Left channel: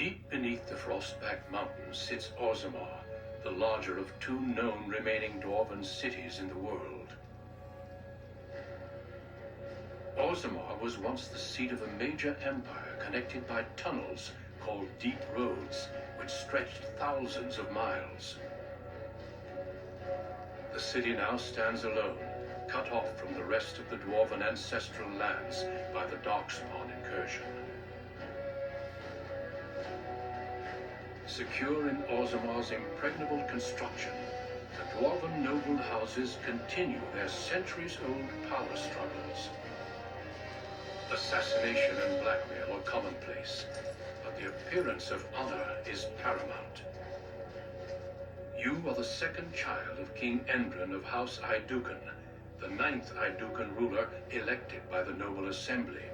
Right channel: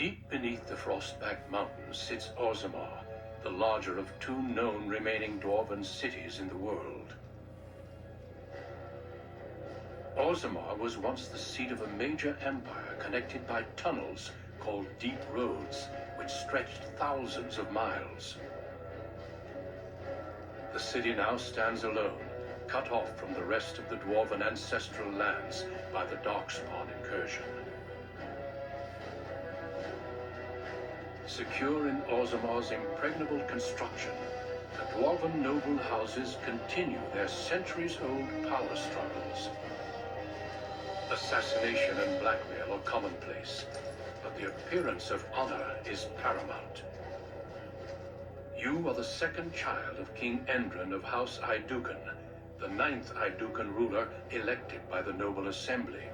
Deep beneath the Frostback Mountains sits Orzammar, the larger of two known remaining dwarven cities in the world. Orzammar was once the seat of a major empire connected by tunnels called Deep Roads, which stretched thousands of miles. The city now stands alone, cut off from the rest of the dwarven ancestral lands by the Darkspawn incursion. Secure in Orzammar's impregnable construction, the dwarven noble houses continue their centuries-old power struggles. Assassination and blackmail are commonplace, but the appearance of honor is paramount. You are the second child of King Endrin of House Aidukan, the 9th Aidukan ruler elected by the Noble Assembly.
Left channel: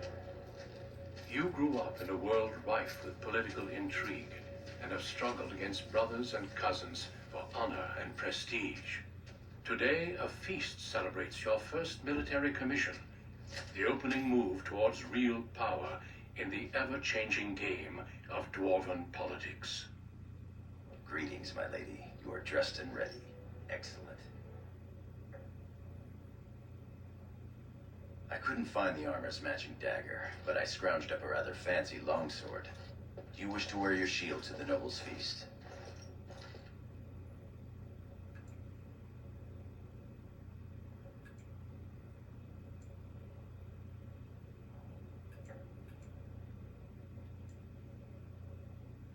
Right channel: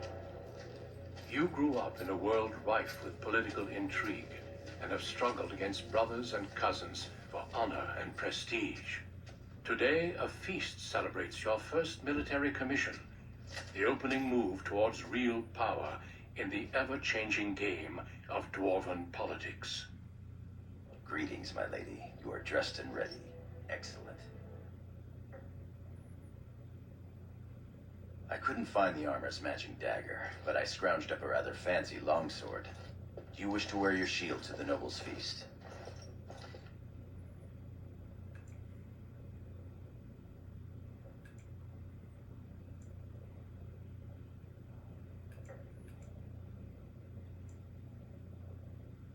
You grew up in a world rife with political intrigue, and have struggled against brothers and cousins for honor and prestige. Today, a feast celebrates your first military commission, the opening move towards real power in the ever-changing game of dwarven politics. Greetings, my lady. You are dressed and ready. Excellent. I couldn't find the armor's matching dagger, but I scrounged up a rather fancy longsword. Do you wish to wear your shield to the noble's feast?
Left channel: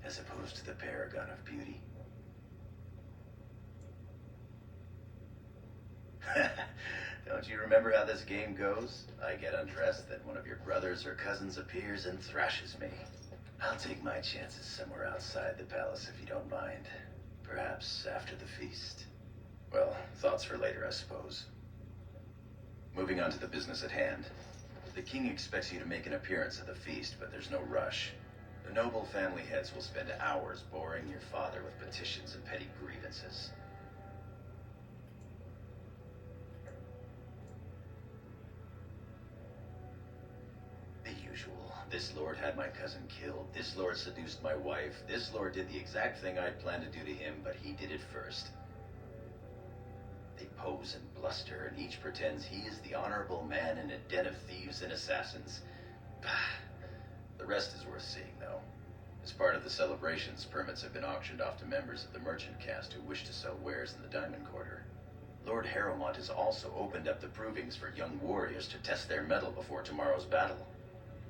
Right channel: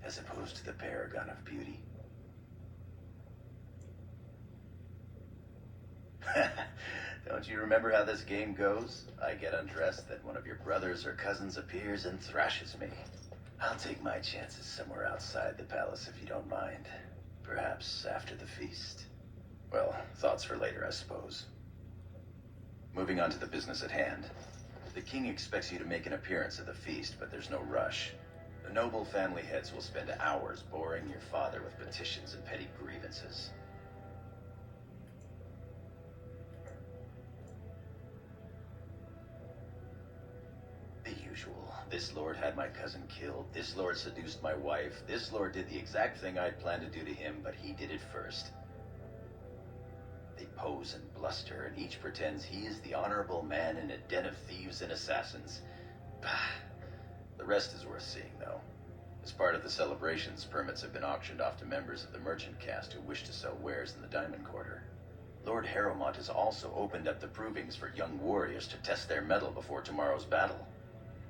As opposed to the paragon of beauty? Don't you remember how this game goes? I get undressed, then one of your brothers or cousins appears and thrashes me. I'll take my chances somewhere outside the palace if you don't mind. Perhaps after the feast. Well, thoughts for later, I suppose. Moving on to the business at hand. The king expects you to make an appearance at the feast, but there's no rush. The noble family heads will spend hours boring your father with petitions and petty grievances. The usual. This lord had my cousin killed. This lord seduced my wife. This lord did the exact thing I'd planned to do to him, but he did it first. They pose and bluster, and each pretends he is the honorable man in a den of thieves and assassins. Bah. The rest is worth seeing, though. As part of the celebrations, permits have been auctioned off to members of the merchant caste who wish to sell wares in the Diamond Quarter. Lord Harrowmont has also opened up the provings for young warriors to test their mettle before tomorrow's battle.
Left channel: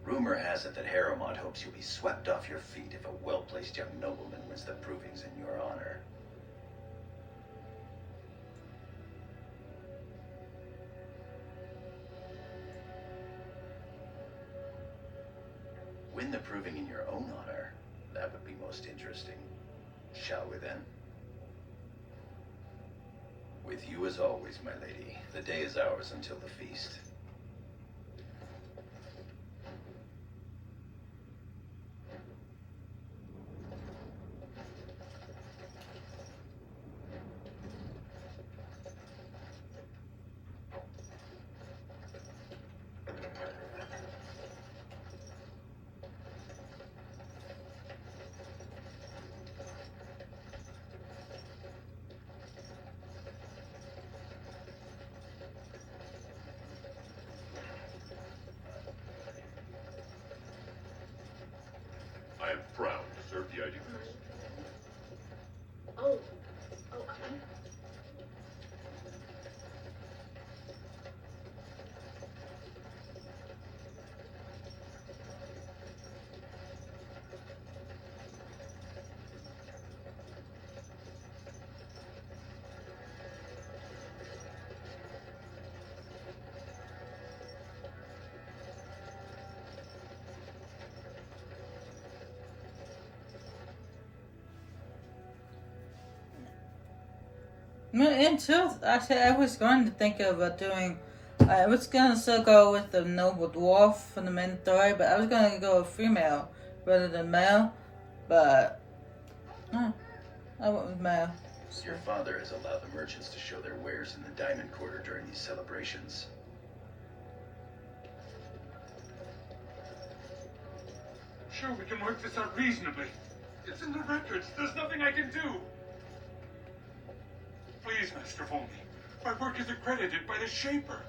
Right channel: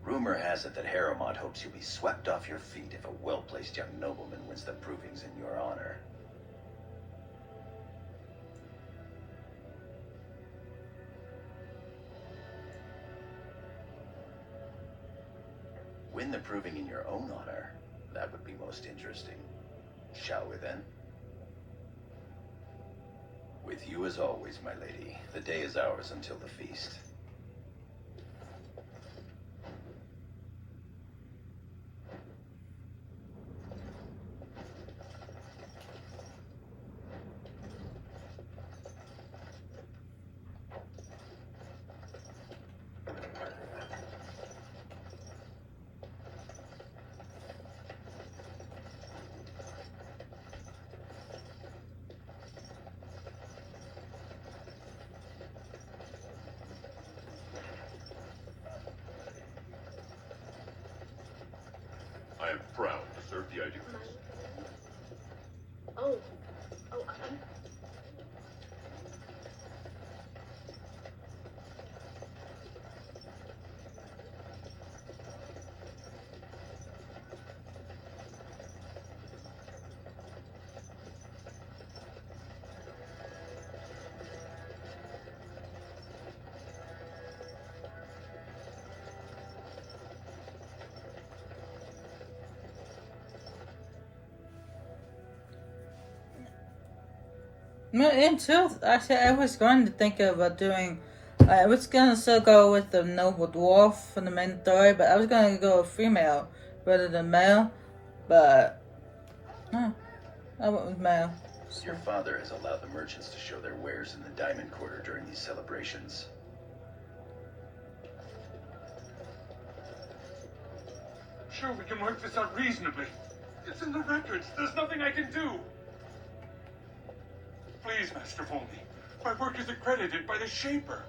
Rumor has it that Harrowmont hopes you'll be swept off your feet if a well-placed young nobleman wins the provings in your honor. Win the proving in your own honor? That would be most interesting. Shall we then? With you as always, my lady. The day is ours until the feast. I am proud to serve the Aidukas. Oh, Until actually, I was going to think of doing. I was going to still go with the noble dwarf from the main story, but I was going to go with female rather than male. But I went with male. Your father has allowed the merchants to show their wares in the Diamond Quarter during these celebrations. Sure, we can work this out reasonably. It's in the records. There's nothing I can do. Please, Master Volney. My work is accredited by the Shaper.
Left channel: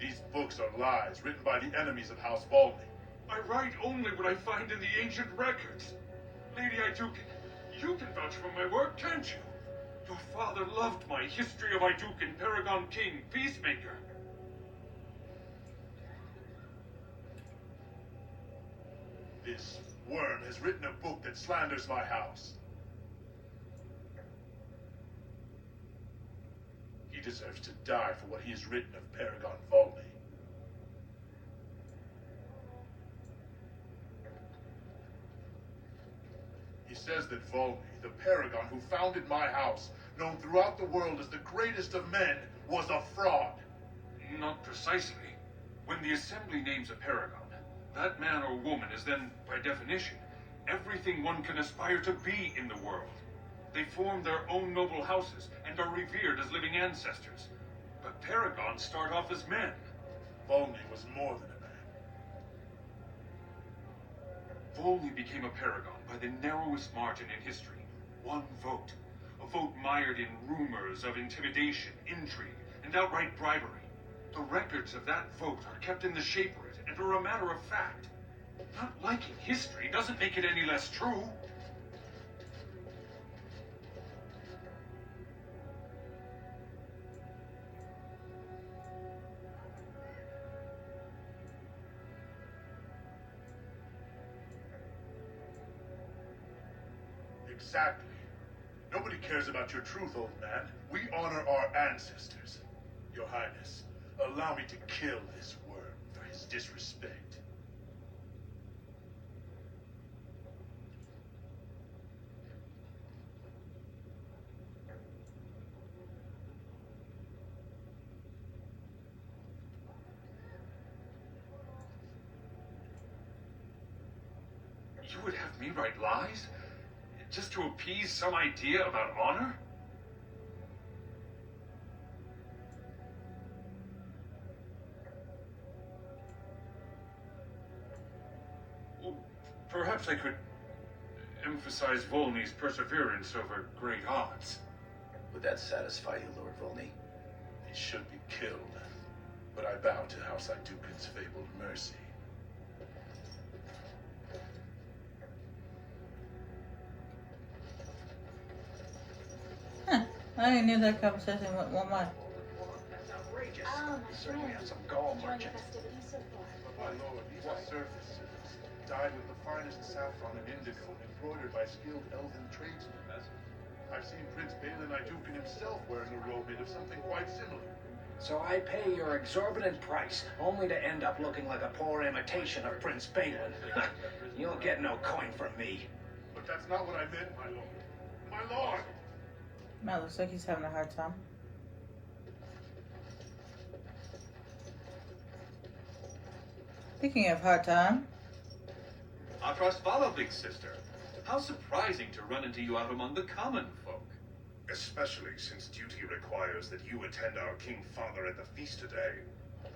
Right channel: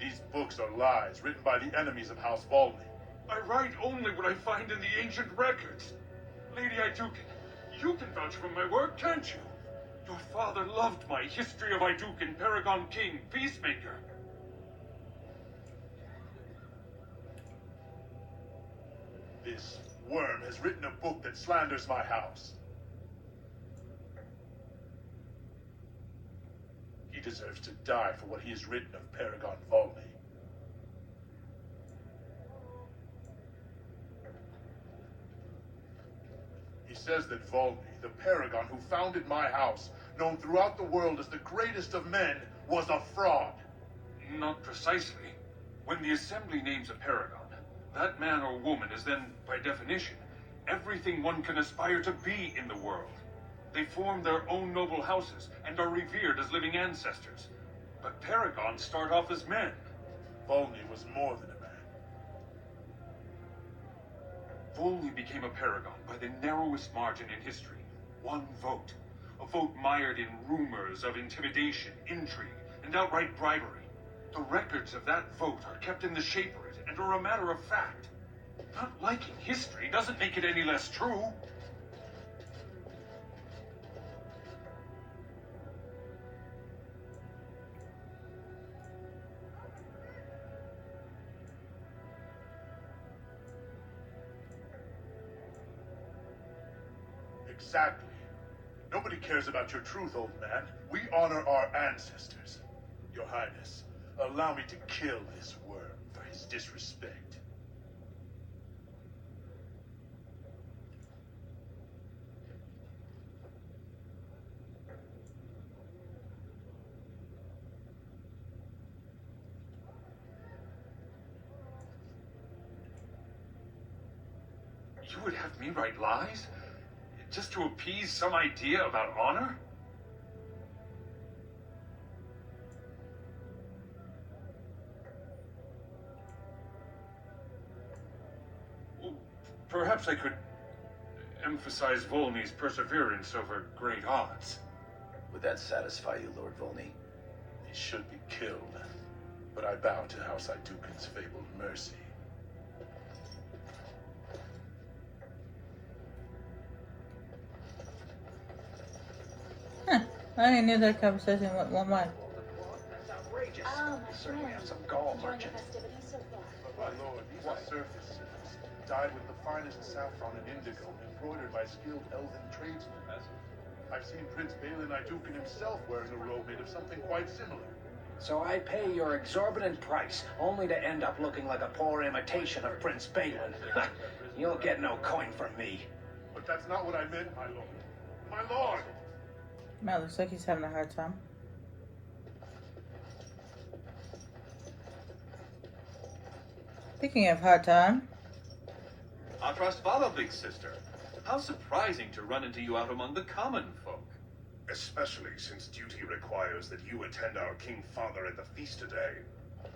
These books are lies written by the enemies of House Volney. I write only what I find in the ancient records. Lady Iduken, you can vouch for my work, can't you? Your father loved my History of Iduken, Paragon King, Peacemaker. This worm has written a book that slanders my house. He deserves to die for what he has written of Paragon Volney. He says that Volney, the Paragon who founded my house, known throughout the world as the greatest of men, was a fraud. Not precisely. When the Assembly names a Paragon, that man or woman is then, by definition, everything one can aspire to be in the world. They form their own noble houses and are revered as living ancestors. But Paragons start off as men. Volney was more than a man. Volney became a Paragon by the narrowest margin in history. One vote. A vote mired in rumors of intimidation, intrigue, and outright bribery. The records of that vote are kept in the Shaperate and are a matter of fact. Not liking history doesn't make it any less true. Exactly. Nobody cares about your truth, old man. We honor our ancestors. Your Highness, allow me to kill this worm for his disrespect. You would have me write lies? Just to appease some idea about honor? Well, perhaps I could emphasize Volney's perseverance over great odds. Would that satisfy you, Lord Volney? He should be killed, but I bow to House Iduken's fabled mercy. I knew that conversation went one way. That's outrageous. Oh, my We certainly friend. have some gall Enjoying the merchants. festivities so far. But my lord, these are surface suits, dyed with the finest saffron and indigo and embroidered by skilled elven tradesmen. I've seen Prince Balin Iduken himself wearing a robe made of something quite similar. So I pay your exorbitant price, only to end up looking like a poor imitation of Prince Balin. You'll get no coin from me. But that's not what I meant, my lord. My lord! Matt looks like he's having a hard time. Speaking of hard time, Our trust follow, big sister. How surprising to run into you out among the common folk. Especially since duty requires that you attend our King Father at the feast today.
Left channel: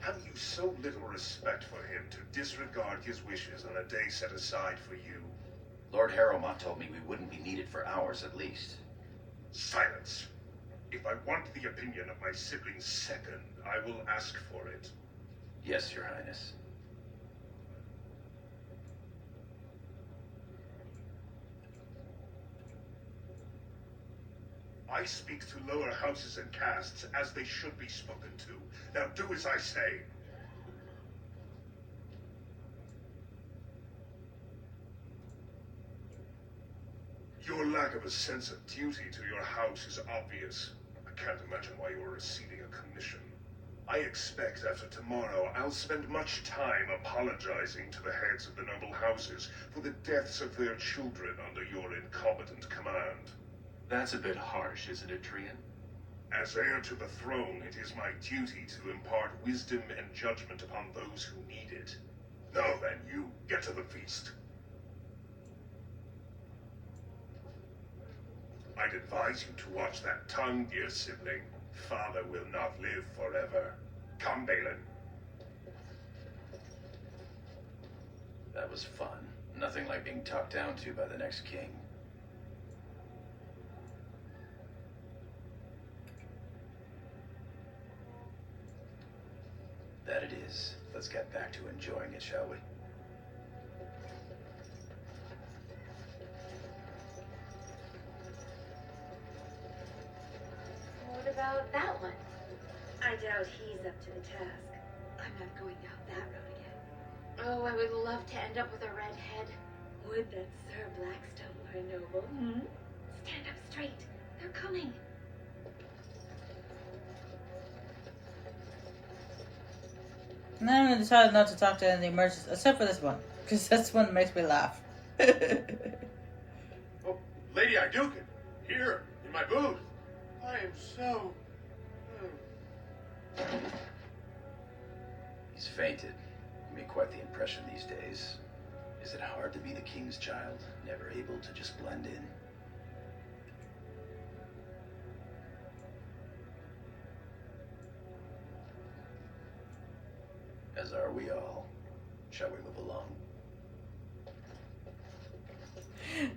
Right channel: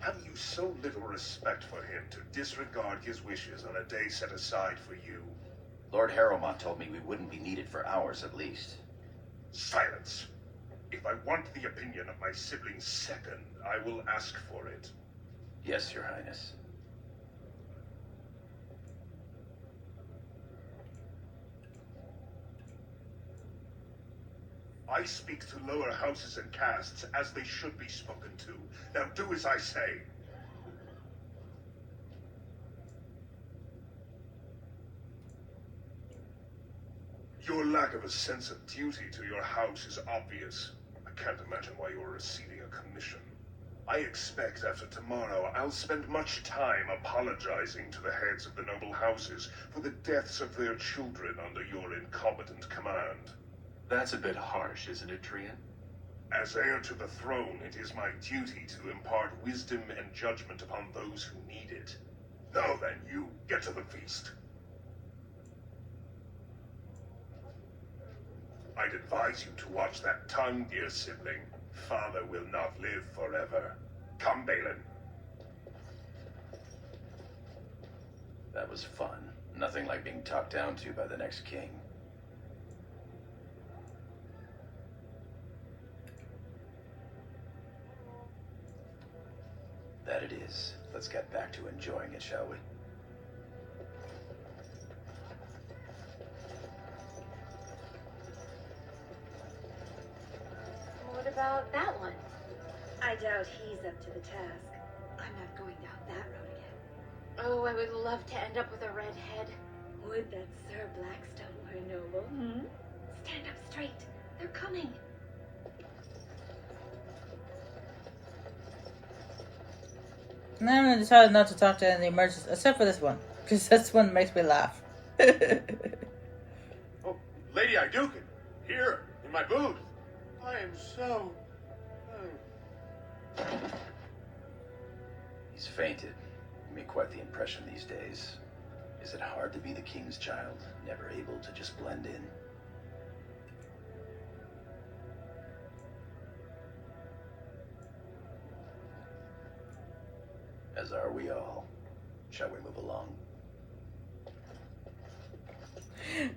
Have you so little respect for him to disregard his wishes on a day set aside for you? Lord Harrowmont told me we wouldn't be needed for hours at least. Silence. If I want the opinion of my sibling's second, I will ask for it. Yes, Your Highness. I speak to lower houses and castes as they should be spoken to. Now do as I say. Your lack of a sense of duty to your house is obvious. I can't imagine why you are receiving a commission. I expect after tomorrow I'll spend much time apologizing to the heads of the noble houses for the deaths of their children under your incompetent command. That's a bit harsh, isn't it, Trian? As heir to the throne, it is my duty to impart wisdom and judgment upon those who need it. Now then, you, get to the feast. I'd advise you to watch that tongue, dear sibling. Father will not live forever. Come, Balin. That was fun. Nothing like being talked down to by the next king. That it is. Let's get back to enjoying it, shall we? What about that one? I doubt he's up to the task. I'm not going down that road again. Oh, I would love to end up with a red head. Would that Sir Blackstone were noble? Hmm? Stand up straight. They're coming. And then I decided not to talk to any of the merchants, except for this one, because this one makes me laugh. Oh, Lady Iduken, here, in my booth. I am so... He's fainted. You make quite the impression these days. Is it hard to be the king's child, never able to just blend in? As are we all. Shall we move along?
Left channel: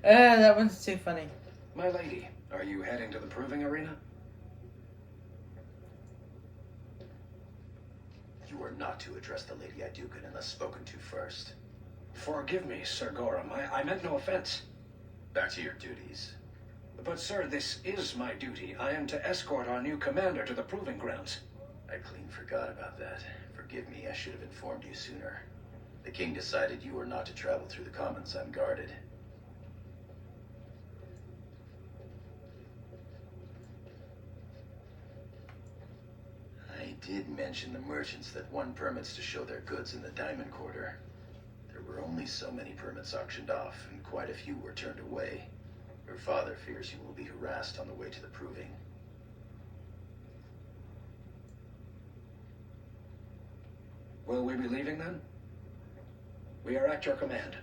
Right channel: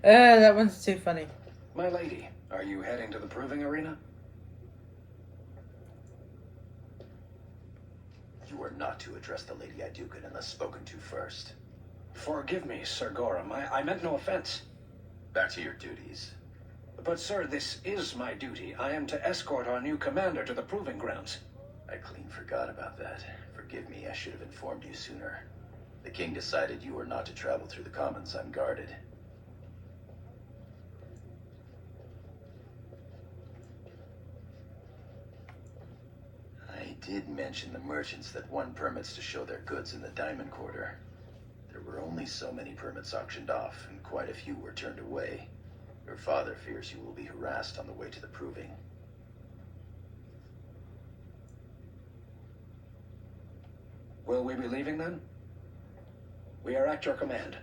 That one's too funny. My lady, are you heading to the proving arena? You are not to address the Lady Iduken unless spoken to first. Forgive me, Sir Gorham. I meant no offense. Back to your duties. But, sir, this is my duty. I am to escort our new commander to the proving grounds. I clean forgot about that. Forgive me, I should have informed you sooner. The king decided you were not to travel through the commons unguarded. I did mention the merchants that won permits to show their goods in the Diamond Quarter. There were only so many permits auctioned off, and quite a few were turned away. Your father fears you will be harassed on the way to the proving. Will we be leaving then? We are at your command.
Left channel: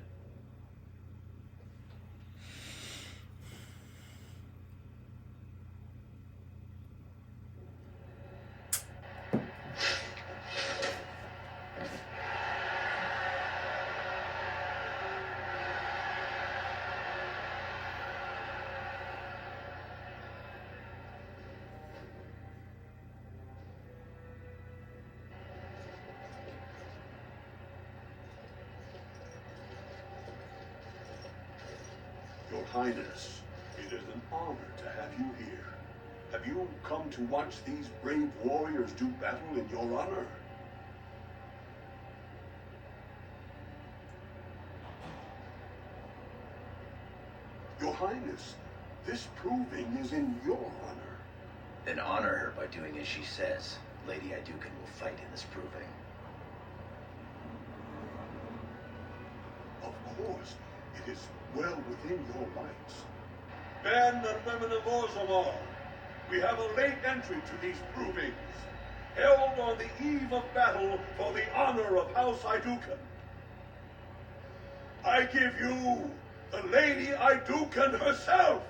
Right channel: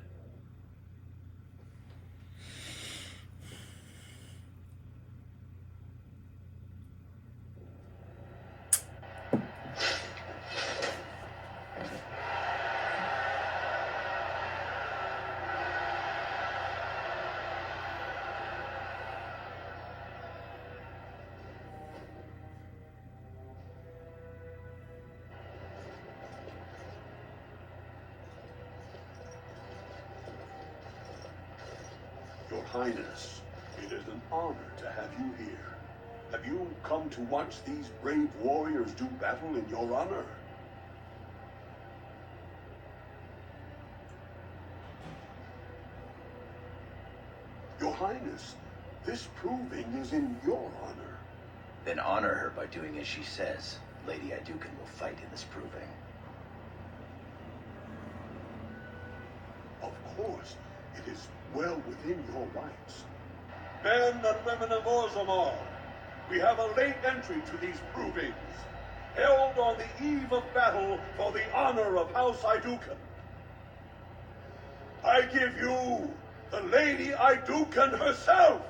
Your Highness, it is an honor to have you here. Have you come to watch these brave warriors do battle in your honor? Your Highness, this proving is in your honor. Then honor her by doing as she says. Lady Iduken will fight in this proving. Of course, it is well within your rights. Men and women of Orzammar, we have a late entry to these provings, held on the eve of battle for the honor of House Iduken. I give you the Lady Iduken herself.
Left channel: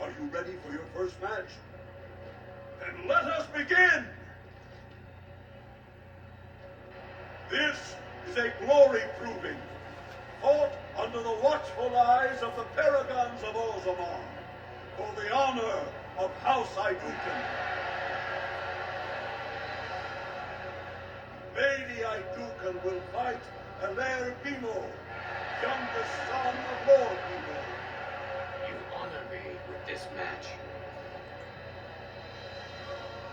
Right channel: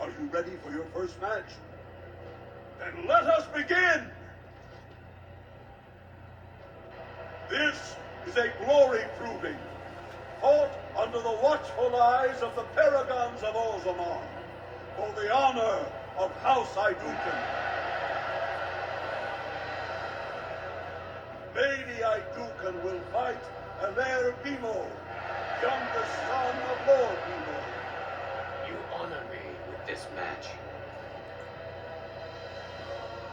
Are you ready for your first match? Then let us begin! This is a glory proving, fought under the watchful eyes of the paragons of Orzammar, for the honor of House Iduken. Lady Iduken will fight Alair Bimo, youngest son of Lord Bimo. You honor me with this match.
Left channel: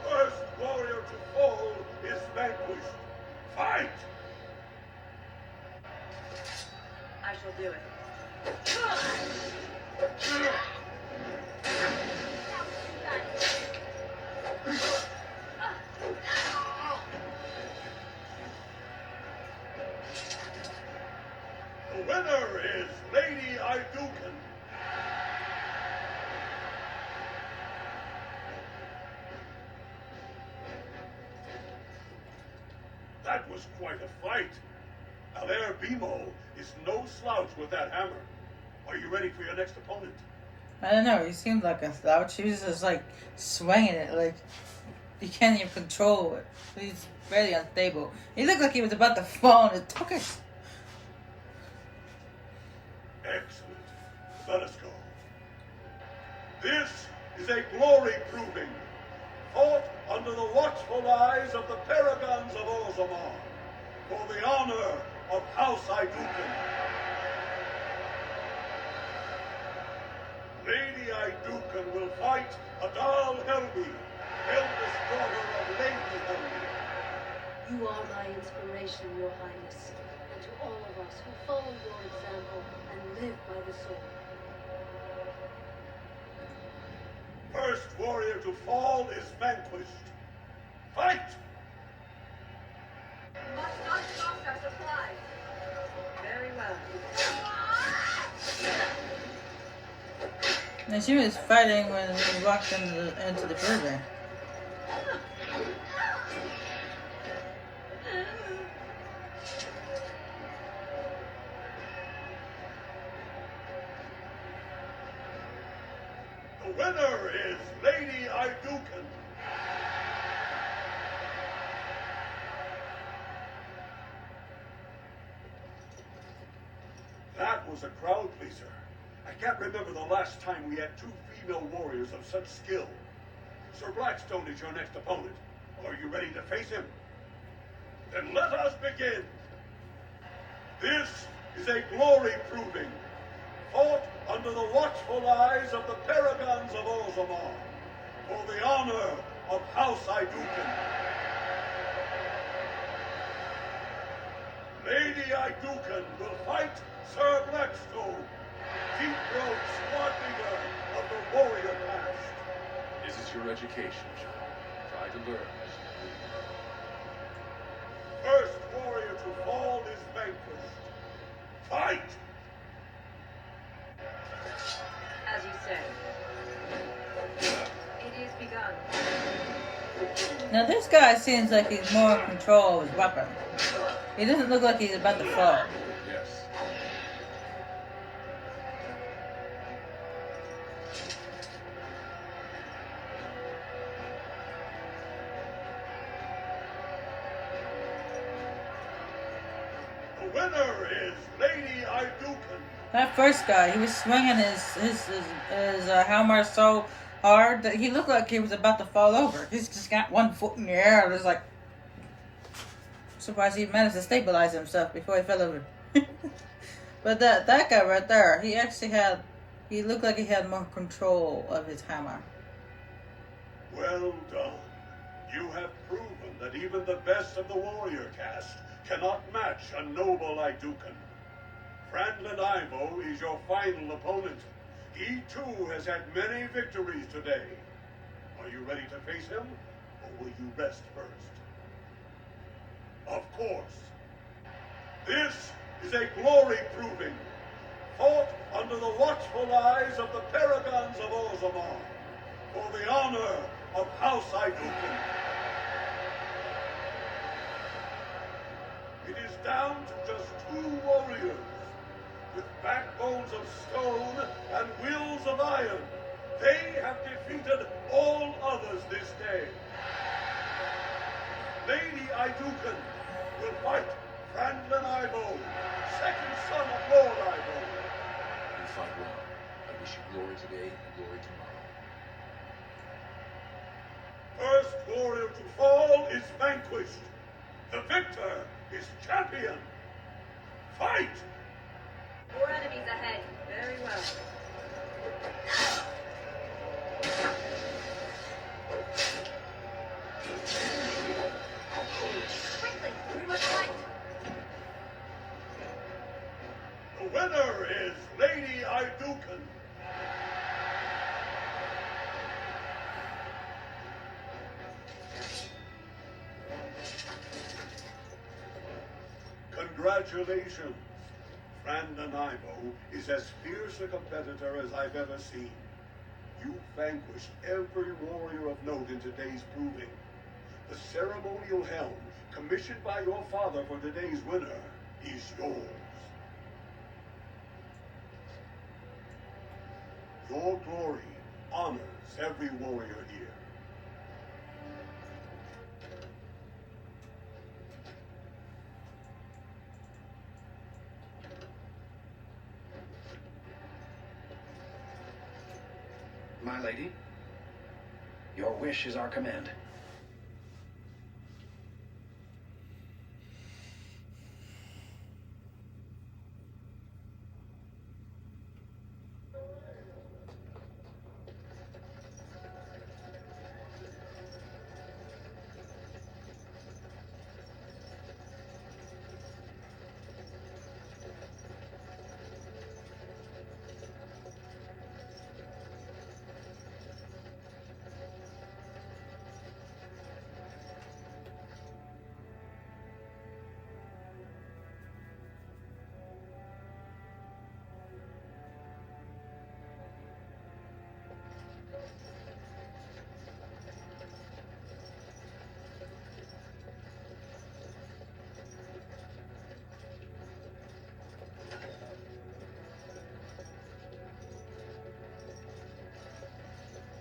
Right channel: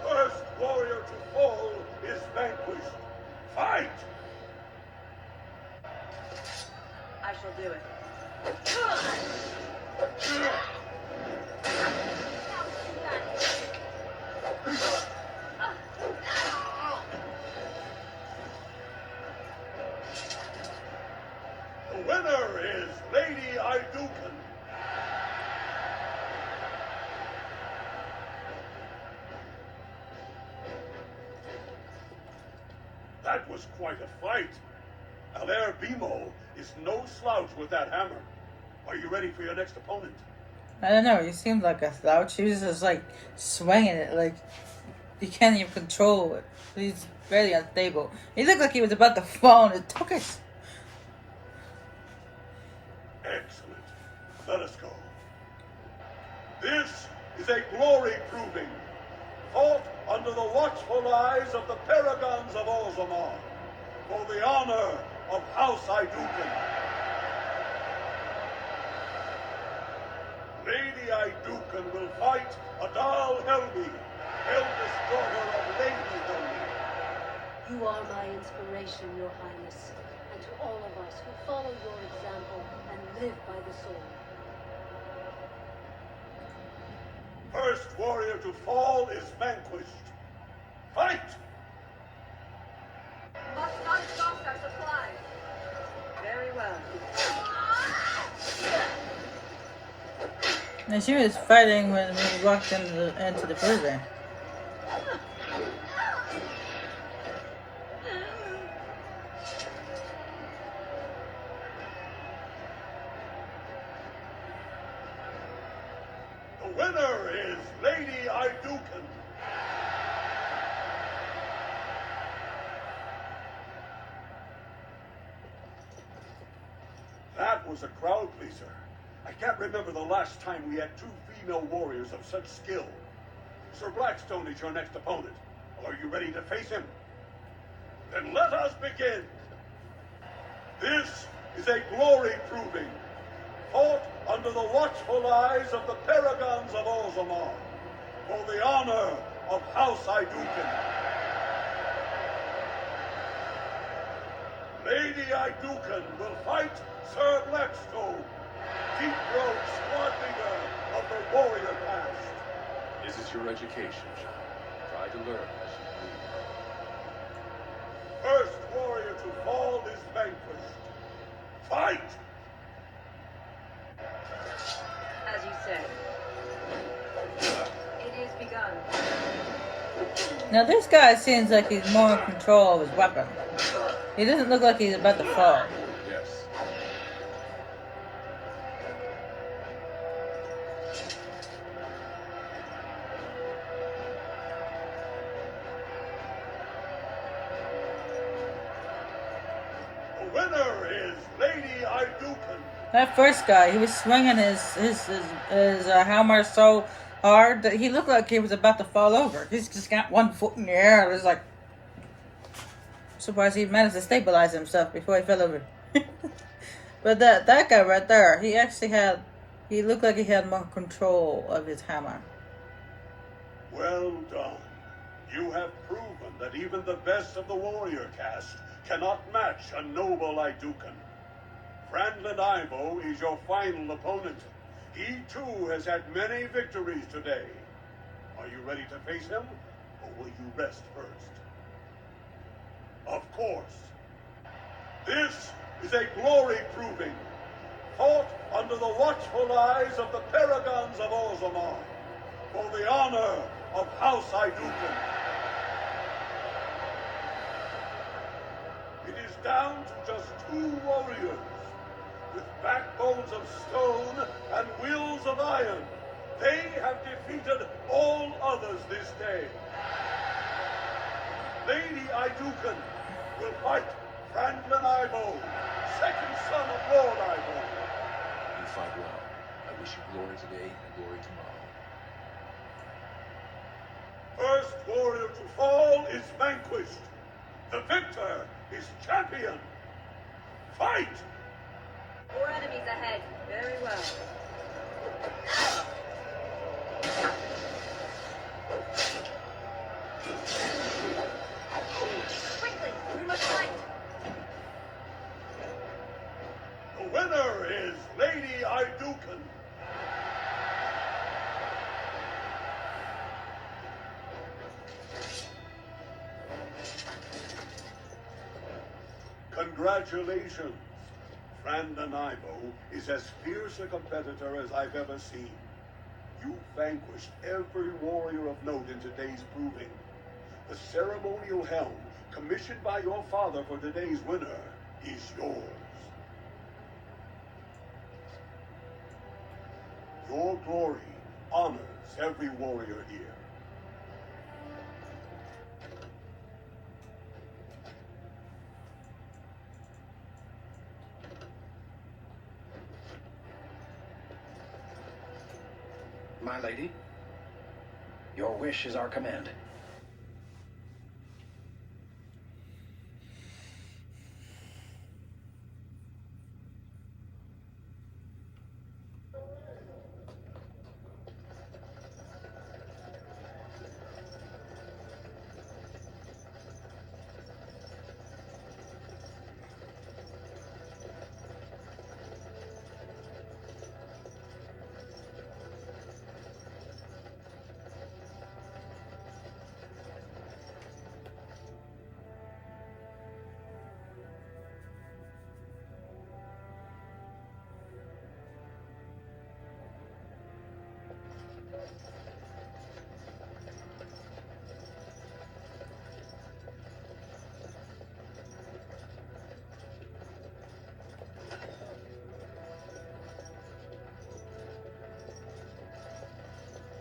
First warrior to fall is vanquished. Fight! I shall do it. The winner is Lady Iduken. That was quite a fight. Alair Bimo is no slouch with that hammer. Are you ready for your next opponent? I don't know, he seemed like a slouch. He was just like swinging it, like you can't even control it. He's very unstable. He looked like he was about to fall and it took it. Excellent. Let us go. This is a glory proving, fought under the watchful eyes of the paragons of Orzammar, for the honor of House Iduken. Lady Iduken will fight Adal Helmi, eldest daughter of Lady Helmi. You are my inspiration, Your Highness, and to all of us who follow your example and live by the sword. First warrior to fall is vanquished. Fight! Must not exhaust our supplies. Very well. And she was fighting when we walked into the prison. The winner is Lady Iduken. That was a crowd pleaser. I can't remember the last time we had two female warriors of such skill. Sir Blackstone is your next opponent. Are you ready to face him? Then let us begin. This is a glory proving, fought under the watchful eyes of the paragons of Orzammar, for the honor of House Iduken. Lady Iduken will fight Sir Blackstone, deep-throat squad leader of the warrior caste. This is your education, child. Try to learn as you move. First warrior to fall is vanquished. Fight! As you say. It is begun. Now this guy seems like he's more in control of his weapon. He doesn't look like he's about to fall. Yes. The winner is Lady Iduken. That first guy, he was swinging his hammer so hard that he looked like he was about to fall over. He's just got one foot in the air. I was like, surprised he managed to stabilize himself before he fell over. But that guy right there, he looked like he had more control of his hammer. Well done. You have proven that even the best of the warrior caste cannot match a noble Iduken. Franklin Ivo is your final opponent. He too has had many victories today. Are you ready to face him, or will you rest first? Of course. This is a glory proving, fought under the watchful eyes of the paragons of Orzammar, for the honor of House Iduken. It is down to just two warriors, with backbones of stone and wills of iron. They have defeated all others this day. Lady Iduken will fight Franklin Ivo, second son of Lord Ivo. You fight well. I wish you glory today and glory tomorrow. First warrior to fall is vanquished. The victor is champion. Fight! Four enemies ahead. Very well. Quickly, we must fight. The winner is Lady Iduken. Congratulations. Franklin Ivo is as fierce a competitor as I've ever seen. You vanquished every warrior of note in today's proving. The ceremonial helm, commissioned by your father for today's winner, is yours. Your glory honors every warrior here. My lady? Your wish is our command.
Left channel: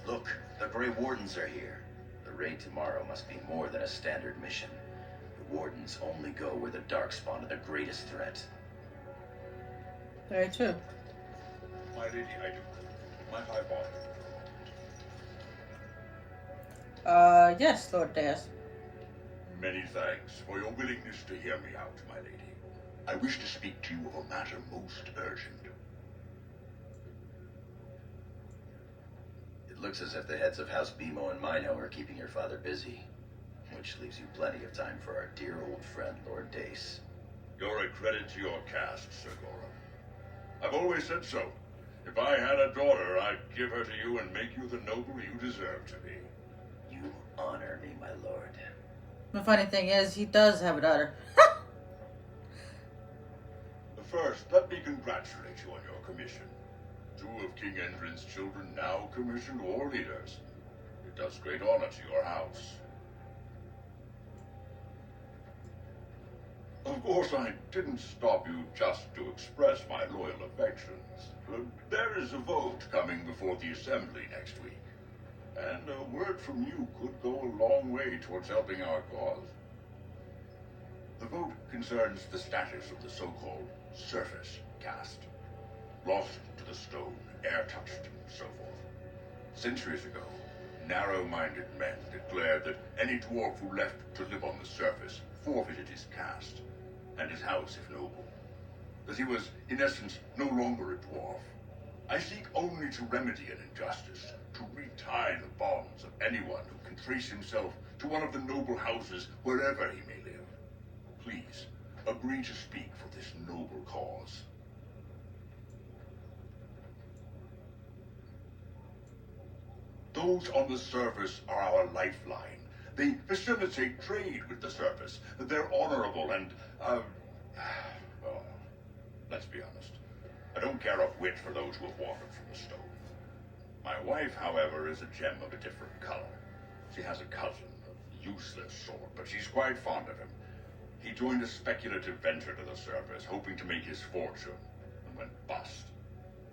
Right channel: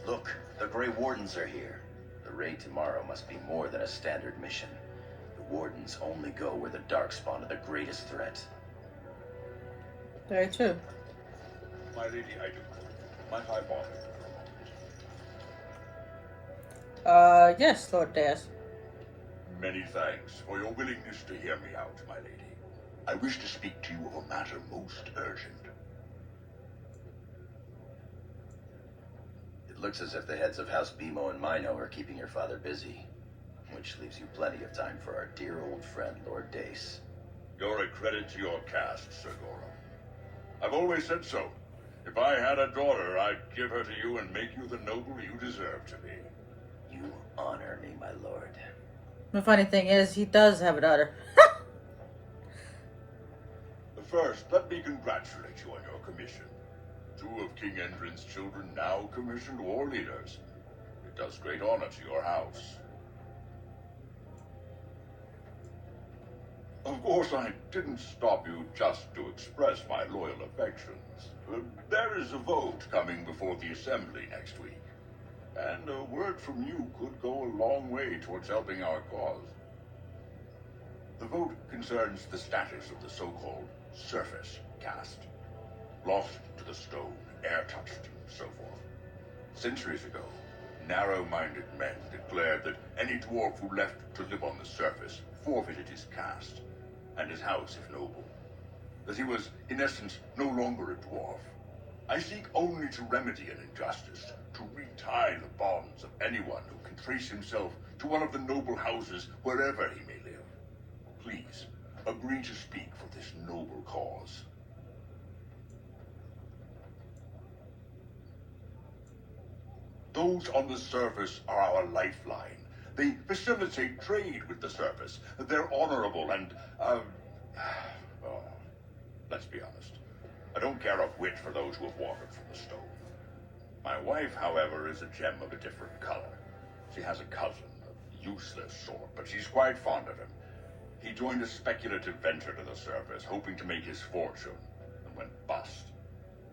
Look, the Grey Wardens are here. The raid tomorrow must be more than a standard mission. The Wardens only go where the Darkspawn are the greatest threat. Very true. My lady, I do. My high bar. Yes, Lord Death. Many thanks for your willingness to hear me out, my lady. I wish to speak to you of a matter most urgent. It looks as if the heads of House Bimo and Mino are keeping your father busy, which leaves you plenty of time for our dear old friend, Lord Dace. You're a credit to your caste, Sir Goro. I've always said so. If I had a daughter, I'd give her to you and make you the noble you deserve to be. You honor me, my lord. The funny thing is, he does have a daughter. First, let me congratulate you on your commission. 2 of King Endrin's children now commissioned war leaders. It does great honor to your house. Of course, I didn't stop you just to express my loyal affections. There is a vote coming before the Assembly next week, and a word from you could go a long way towards helping our cause. The vote concerns the status of the so-called surface caste. Lost to the stone, air-touched, and so forth. Centuries ago, narrow-minded men declared that any dwarf who left to live on the surface forfeited his caste, and his house if noble. That he was, in essence, no longer a dwarf. I seek only to remedy an injustice, to retie the bonds of anyone who can trace himself to one of the noble houses wherever he may live. Please, agree to speak for this noble cause. Those on the surface are our lifeline. They facilitate trade with the surface. They're honorable and, well, let's be honest. I don't care a whit for those who have wandered from the stone. My wife, however, is a gem of a different color. She has a cousin, a useless sort, but she's quite fond of him. He joined a speculative venture to the surface, hoping to make his fortune, and went bust.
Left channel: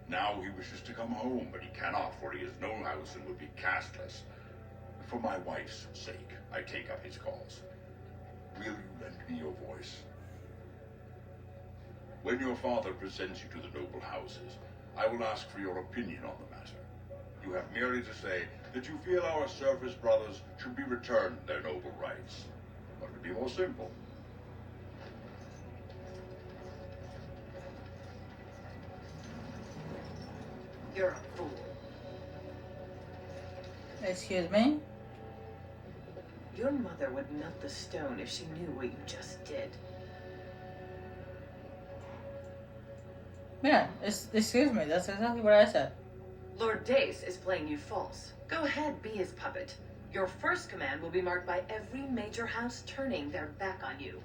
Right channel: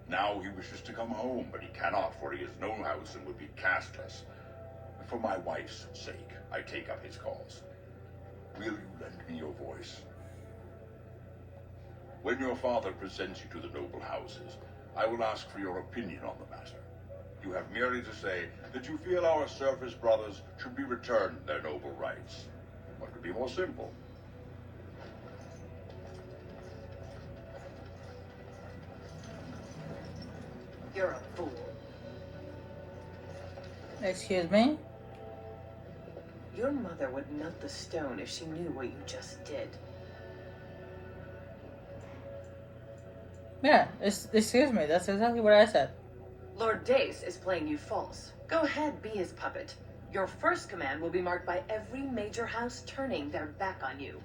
Now he wishes to come home, but he cannot, for he has no house and would be casteless. For my wife's sake, I take up his cause. Will you lend me your voice? When your father presents you to the noble houses, I will ask for your opinion on the matter. You have merely to say that you feel our surface brothers should be returned their noble rights. What could be more simple? You're a fool. Excuse me? Your mother would melt the stone if she knew what you just did. Yeah, excuse me, that's exactly what I said. Lord Dace is playing you false. Go ahead, be his puppet. Your first command will be marked by every major house turning their back on you.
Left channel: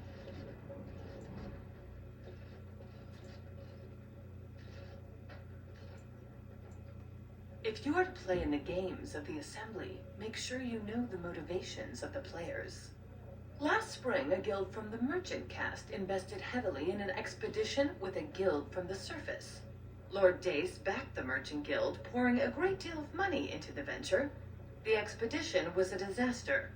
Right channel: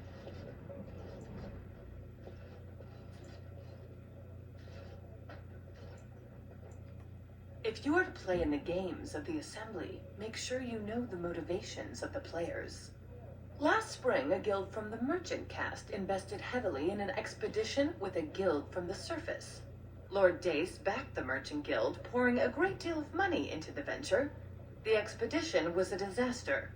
If you are to play in the games of the Assembly, make sure you know the motivations of the players. Last spring, a guild from the Merchant caste invested heavily in an expedition with a guild from the surface. Lord Dace backed the Merchant Guild, pouring a great deal of money into the venture. The expedition was a disaster.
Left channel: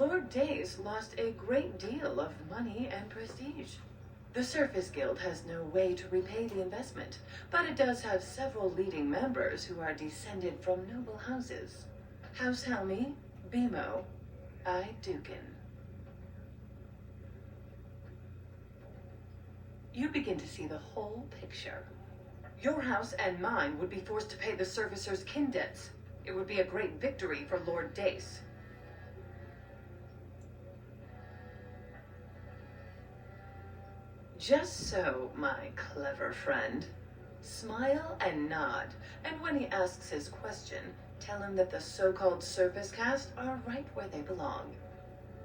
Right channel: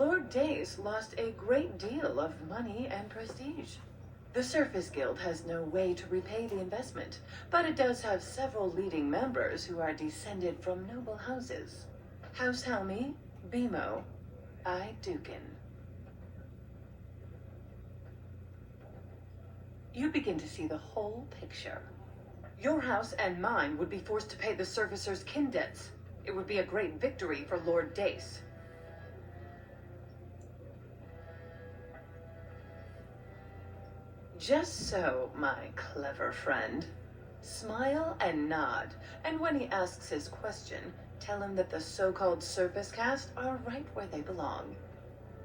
Lord Dace lost a great deal of money and prestige. The Surface Guild has no way to repay the investment, but it does have several leading members who are descended from noble houses. House Helmi, Bimo, Dukin. You begin to see the whole picture. Your house and mine would be forced to pay the Surfacer's kin debts. It would be a great victory for Lord Dace. Just so, my clever friend. Smile and nod, and when he asks his question, tell him that the so-called Surface Cast are right where they belong.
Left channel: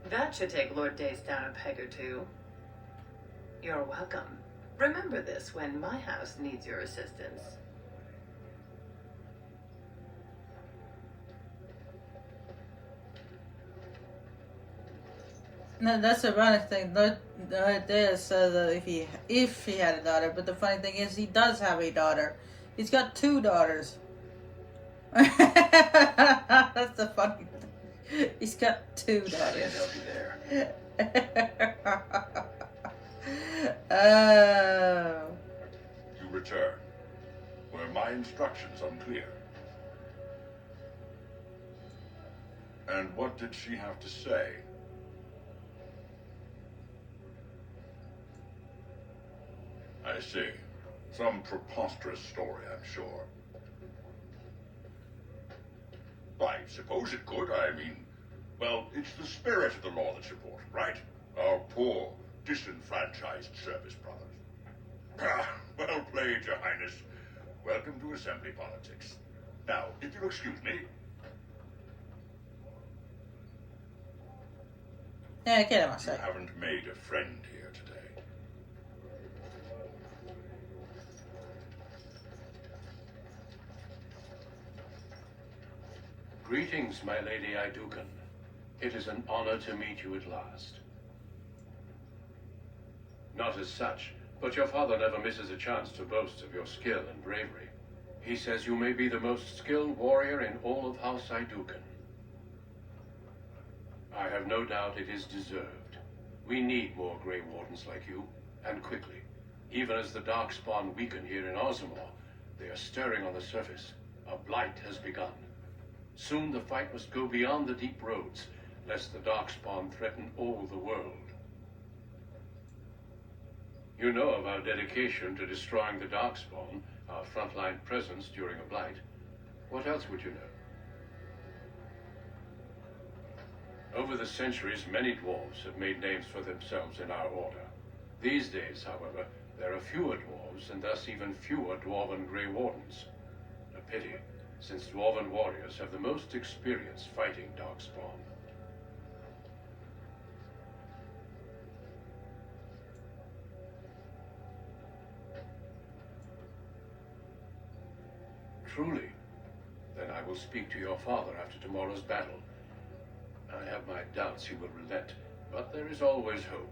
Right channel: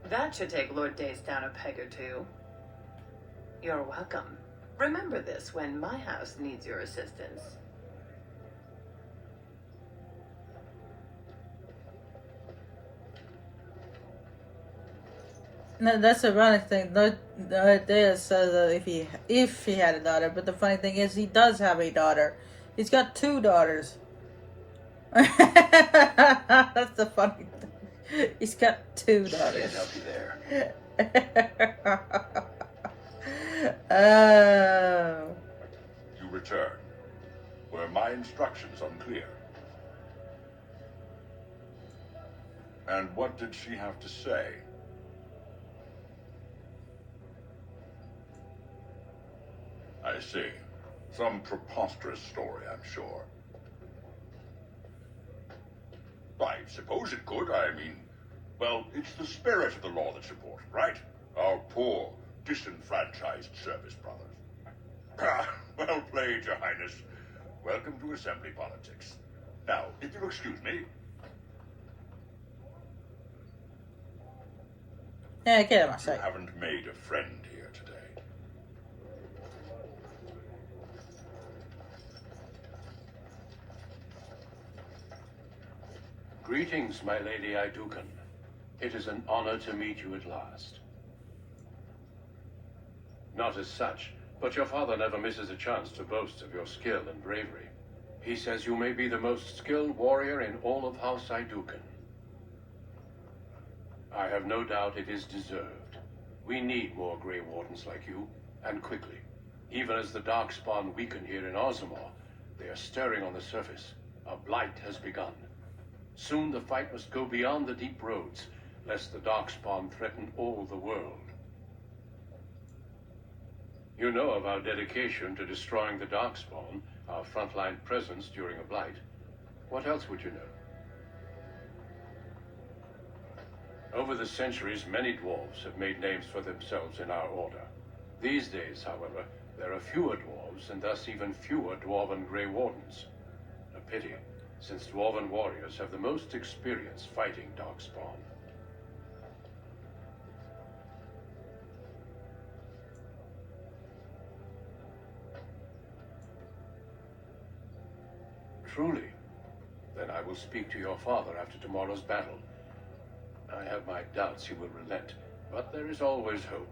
That should take Lord Dace down a peg or two. You're welcome. Remember this when my house needs your assistance. No, that's the funny thing. Lord Dea said that if he had a daughter, but the funny thing is he does have a daughter. He's got 2 daughters. That's the funny thing. He's got 2 daughters. I can't help you there. Oh. You return. Were my instructions unclear? And what did she have to say? I see. Some preposterous story, I'm sure. I suppose it could. I mean, well, it's the spirit of the law that's important, right? Our poor, disenfranchised service brothers. Ah, well played, Your Highness. Welcome to Assembly politics. Now, if you'll excuse me. Yeah, get him, I You say. haven't made a friend here today. Greetings, my lady Idukan. It is an honor to meet you at last. Not as such, but your father never misses a chance to boast of your skill and bravery. He says you may be the most skilled warrior in all of House Idukan. I have no doubt it is deserved. We need more Grey Wardens like you, and quickly. Even as the Darkspawn weaken here in Ozamar, they are stirring on the surface. A blight has begun. Soon the fight must go beyond the deep roads, lest the Darkspawn threaten all the world. You know of our dedication to destroying the Darkspawn, our frontline presence during a blight. What else would you know? Over the centuries, many dwarves have made names for themselves in our order. These days, however, there are fewer dwarves, and thus even fewer dwarven Grey Wardens. A pity, since dwarven warriors have the most experience fighting Darkspawn. Truly? Then I will speak to your father after tomorrow's battle. I have my doubts he will relent, but there is always hope.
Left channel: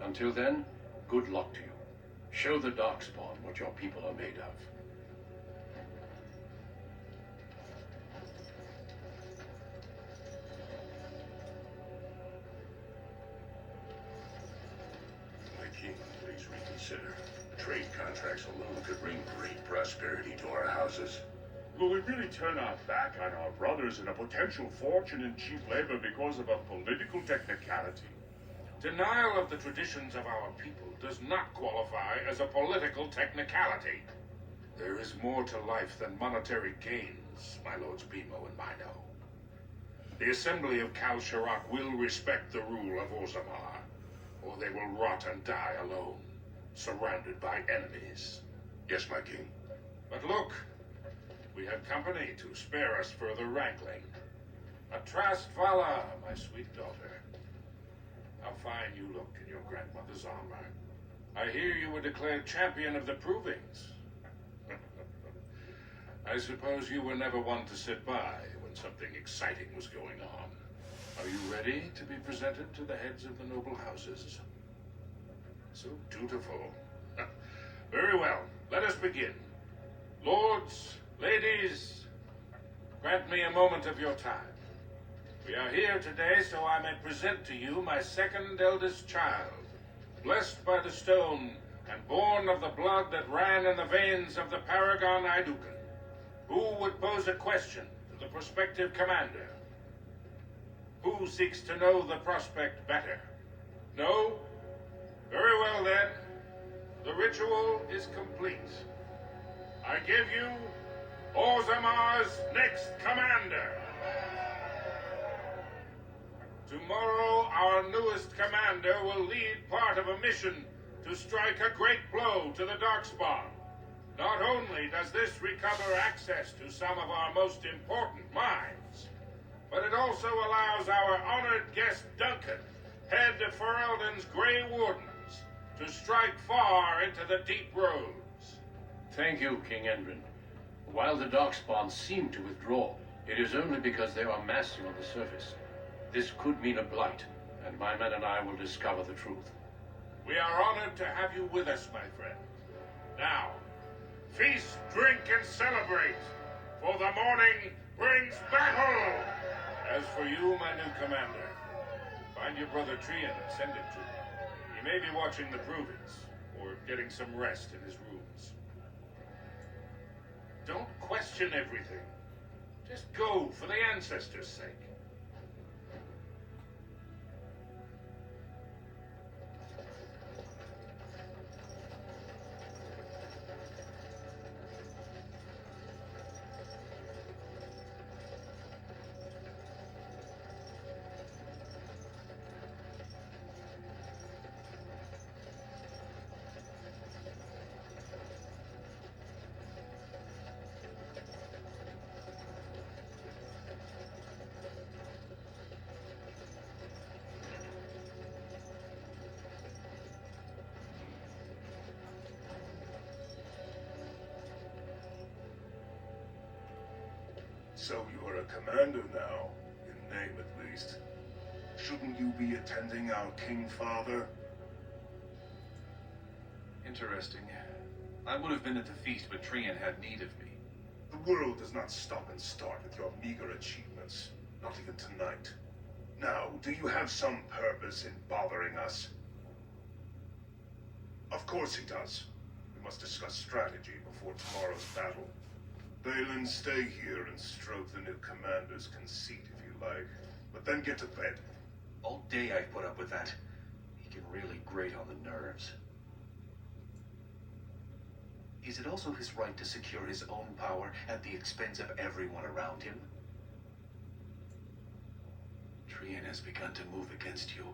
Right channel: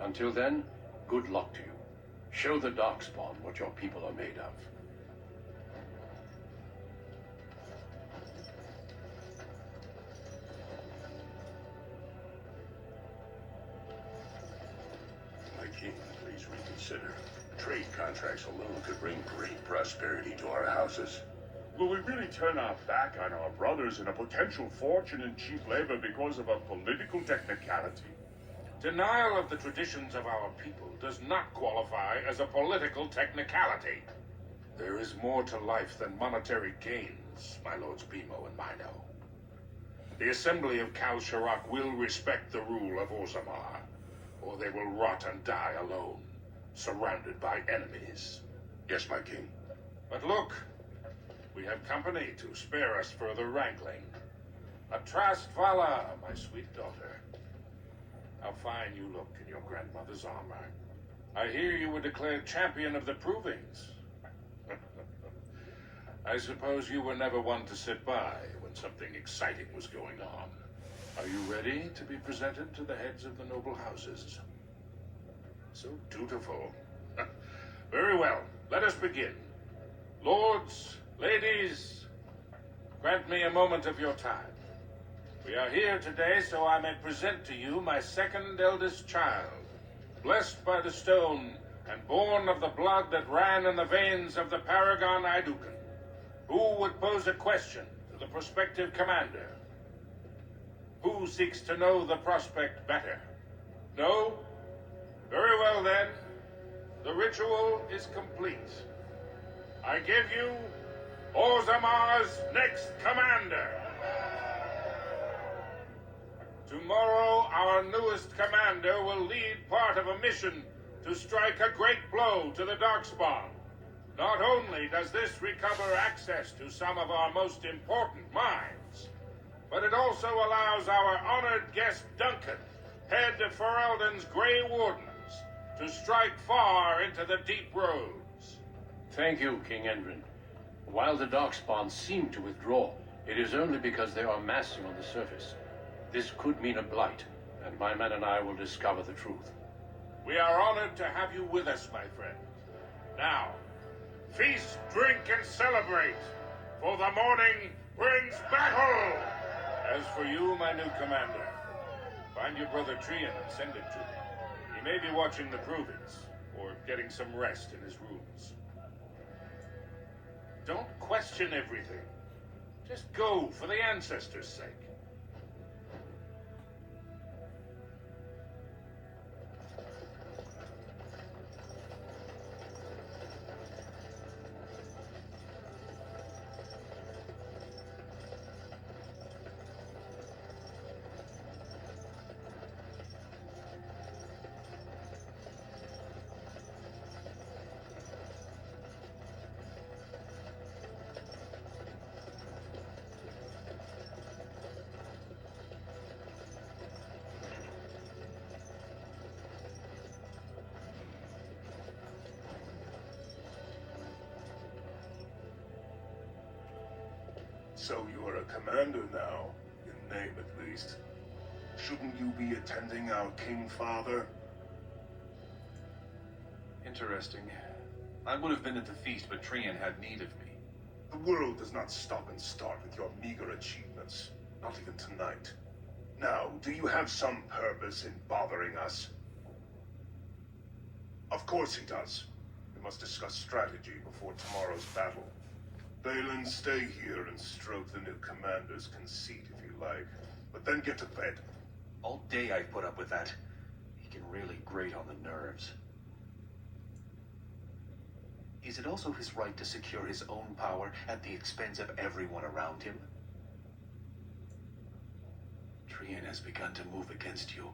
Until then, good luck to you. Show the Darkspawn what your people are made of. My king, please reconsider. Trade contracts alone could bring great prosperity to our houses. Will we really turn our back on our brothers and a potential fortune in cheap labor because of a political technicality? Denial of the traditions of our people does not qualify as a political technicality. There is more to life than monetary gains, my lords Bimo and Mino. The Assembly of Kal Sharak will respect the rule of Ozamar, or they will rot and die alone, surrounded by enemies. Yes, my king. But look, we have company to spare us further wrangling. Atrast Vala, my sweet daughter. How fine you look in your grandmother's armor. I hear you were declared champion of the provings. I suppose you were never one to sit by when something exciting was going on. Are you ready to be presented to the heads of the noble houses? So dutiful. Very well, let us begin. Lords, ladies, grant me a moment of your time. We are here today so I may present to you my second eldest child, blessed by the stone, and born of the blood that ran in the veins of the paragon Idukan. Who would pose a question to the prospective commander? Who seeks to know the prospect better? No? Very well then. The ritual is complete. I give you Orzamar's next commander. Tomorrow, our newest commander will lead part of a mission to strike a great blow to the Darkspawn. Not only does this recover access to some of our most important mines, but it also allows our honored guest Duncan, head of Ferelden's Grey Wardens, to strike far into the deep roads. Thank you, King Endrin. While the Darkspawn seem to withdraw, it is only because they are massing on the surface. This could mean a blight, and my men and I will discover the truth. We are honored to have you with us, my friend. Now, feast, drink, and celebrate, for the morning brings battle! As for you, my new commander, find your brother Trian and send him to me. He may be watching the provings, or getting some rest in his rooms. Don't question everything. Just go for the ancestors' sake. So you are a commander now, in name at least. Shouldn't you be attending our King Father? Interesting. I would have been at the feast, but Trian had need of me. The world does not stop and start with your meager achievements. Not even tonight. Now, do you have some purpose in bothering us? Of course he does. We must discuss strategy before tomorrow's battle. Balin, stay here and stroke the new commander's conceit if you like. But then get to bed. All day I've put up with that. He can really grate on the nerves. Is it also his right to secure his own power at the expense of everyone around him? Trian has begun to move against you.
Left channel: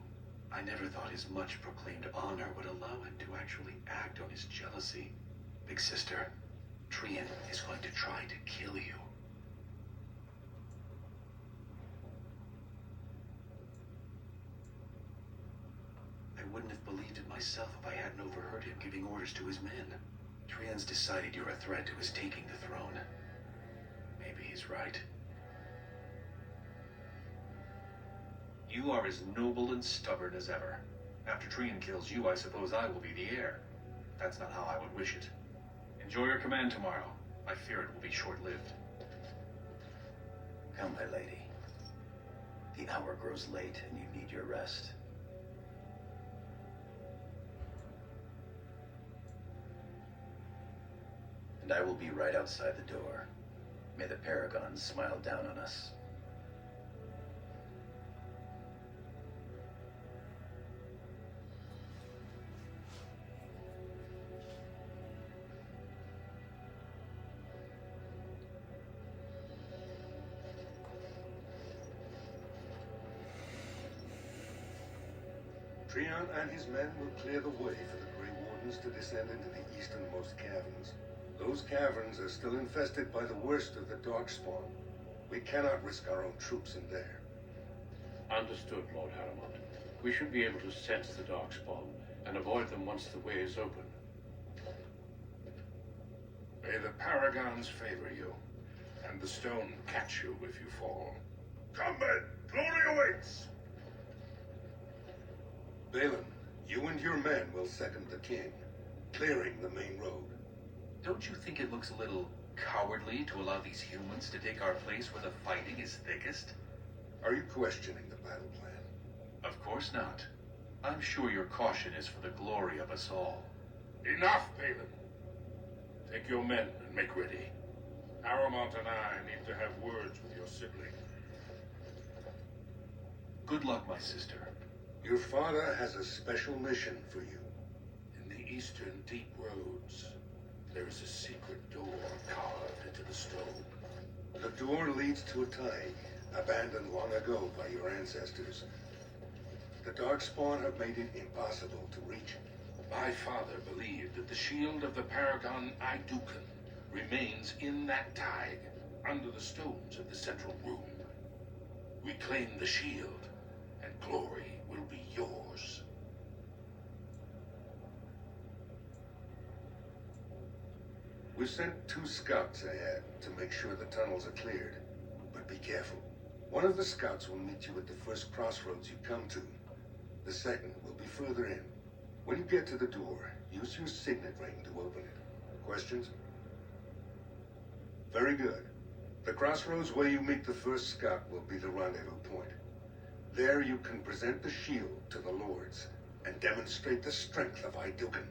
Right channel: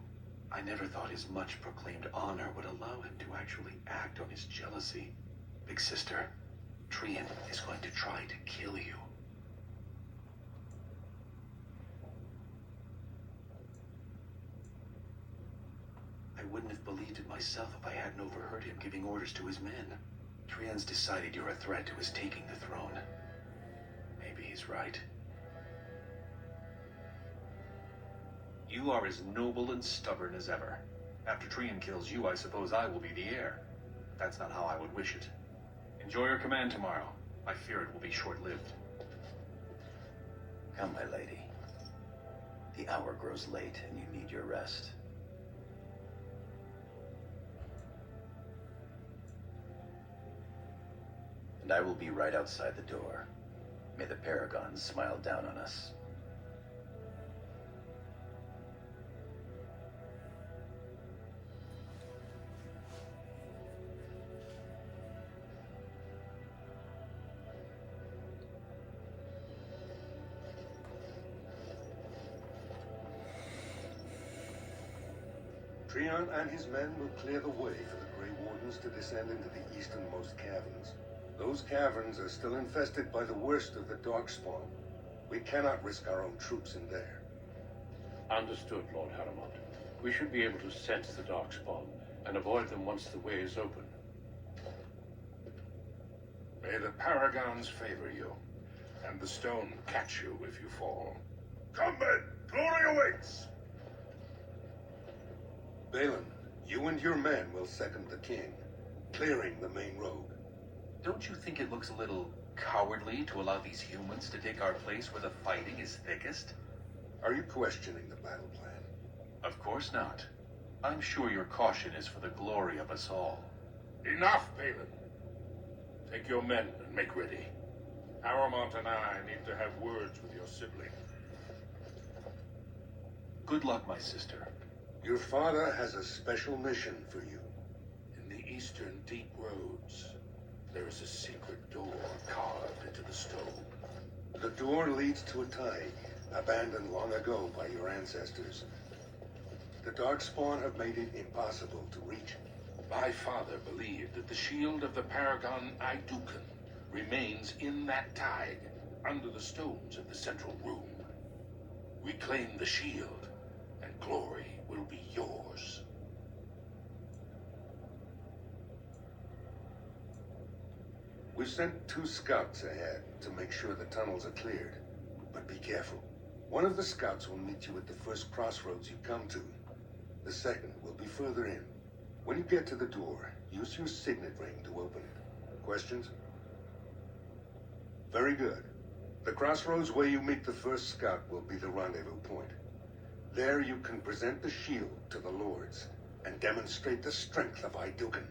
I never thought his much proclaimed honor would allow him to actually act on his jealousy. Big sister, Trian is going to try to kill you. I wouldn't have believed it myself if I hadn't overheard him giving orders to his men. Trian's decided you're a threat to his taking the throne. Maybe he's right. You are as noble and stubborn as ever. After Trian kills you, I suppose I will be the heir. That's not how I would wish it. Enjoy your command tomorrow. I fear it will be short-lived. Come, my lady. The hour grows late and you need your rest. And I will be right outside the door. May the Paragons smile down on us. Trian and his men will clear the way for the Grey Wardens to descend into the easternmost caverns. Those caverns are still infested by the worst of the Darkspawn. We cannot risk our own troops in there. Understood, Lord Harrimont. We should be able to sense the Darkspawn and avoid them once the way is open. May the Paragons favor you, and the stone catch you if you fall. Come, men! Glory awaits! Balin, you and your men will second the king, clearing the main road. Don't you think it looks a little cowardly to allow these humans to take our place where the fighting is thickest? Are you questioning the battle plan? Of course not. I'm sure your caution is for the glory of us all. Enough, Balin. Take your men and make ready. Paramount and I need to have words with your sibling. Good luck, my sister. Your father has a special mission for you. In the eastern deep roads, there is a secret door carved into the stone. The door leads to a tide, abandoned long ago by your ancestors. The Darkspawn have made it impossible to reach. My father believed that the shield of the Paragon Idukan remains in that tide, under the stones of the central room. Reclaim the shield, and glory will be yours. We've sent 2 scouts ahead to make sure the tunnels are cleared. But be careful. One of the scouts will meet you at the first crossroads you come to. The second will be further in. When you get to the door, use your signet ring to open it. Questions? Very good. The crossroads where you meet the first scout will be the rendezvous point. There you can present the shield to the lords and demonstrate the strength of Idukan.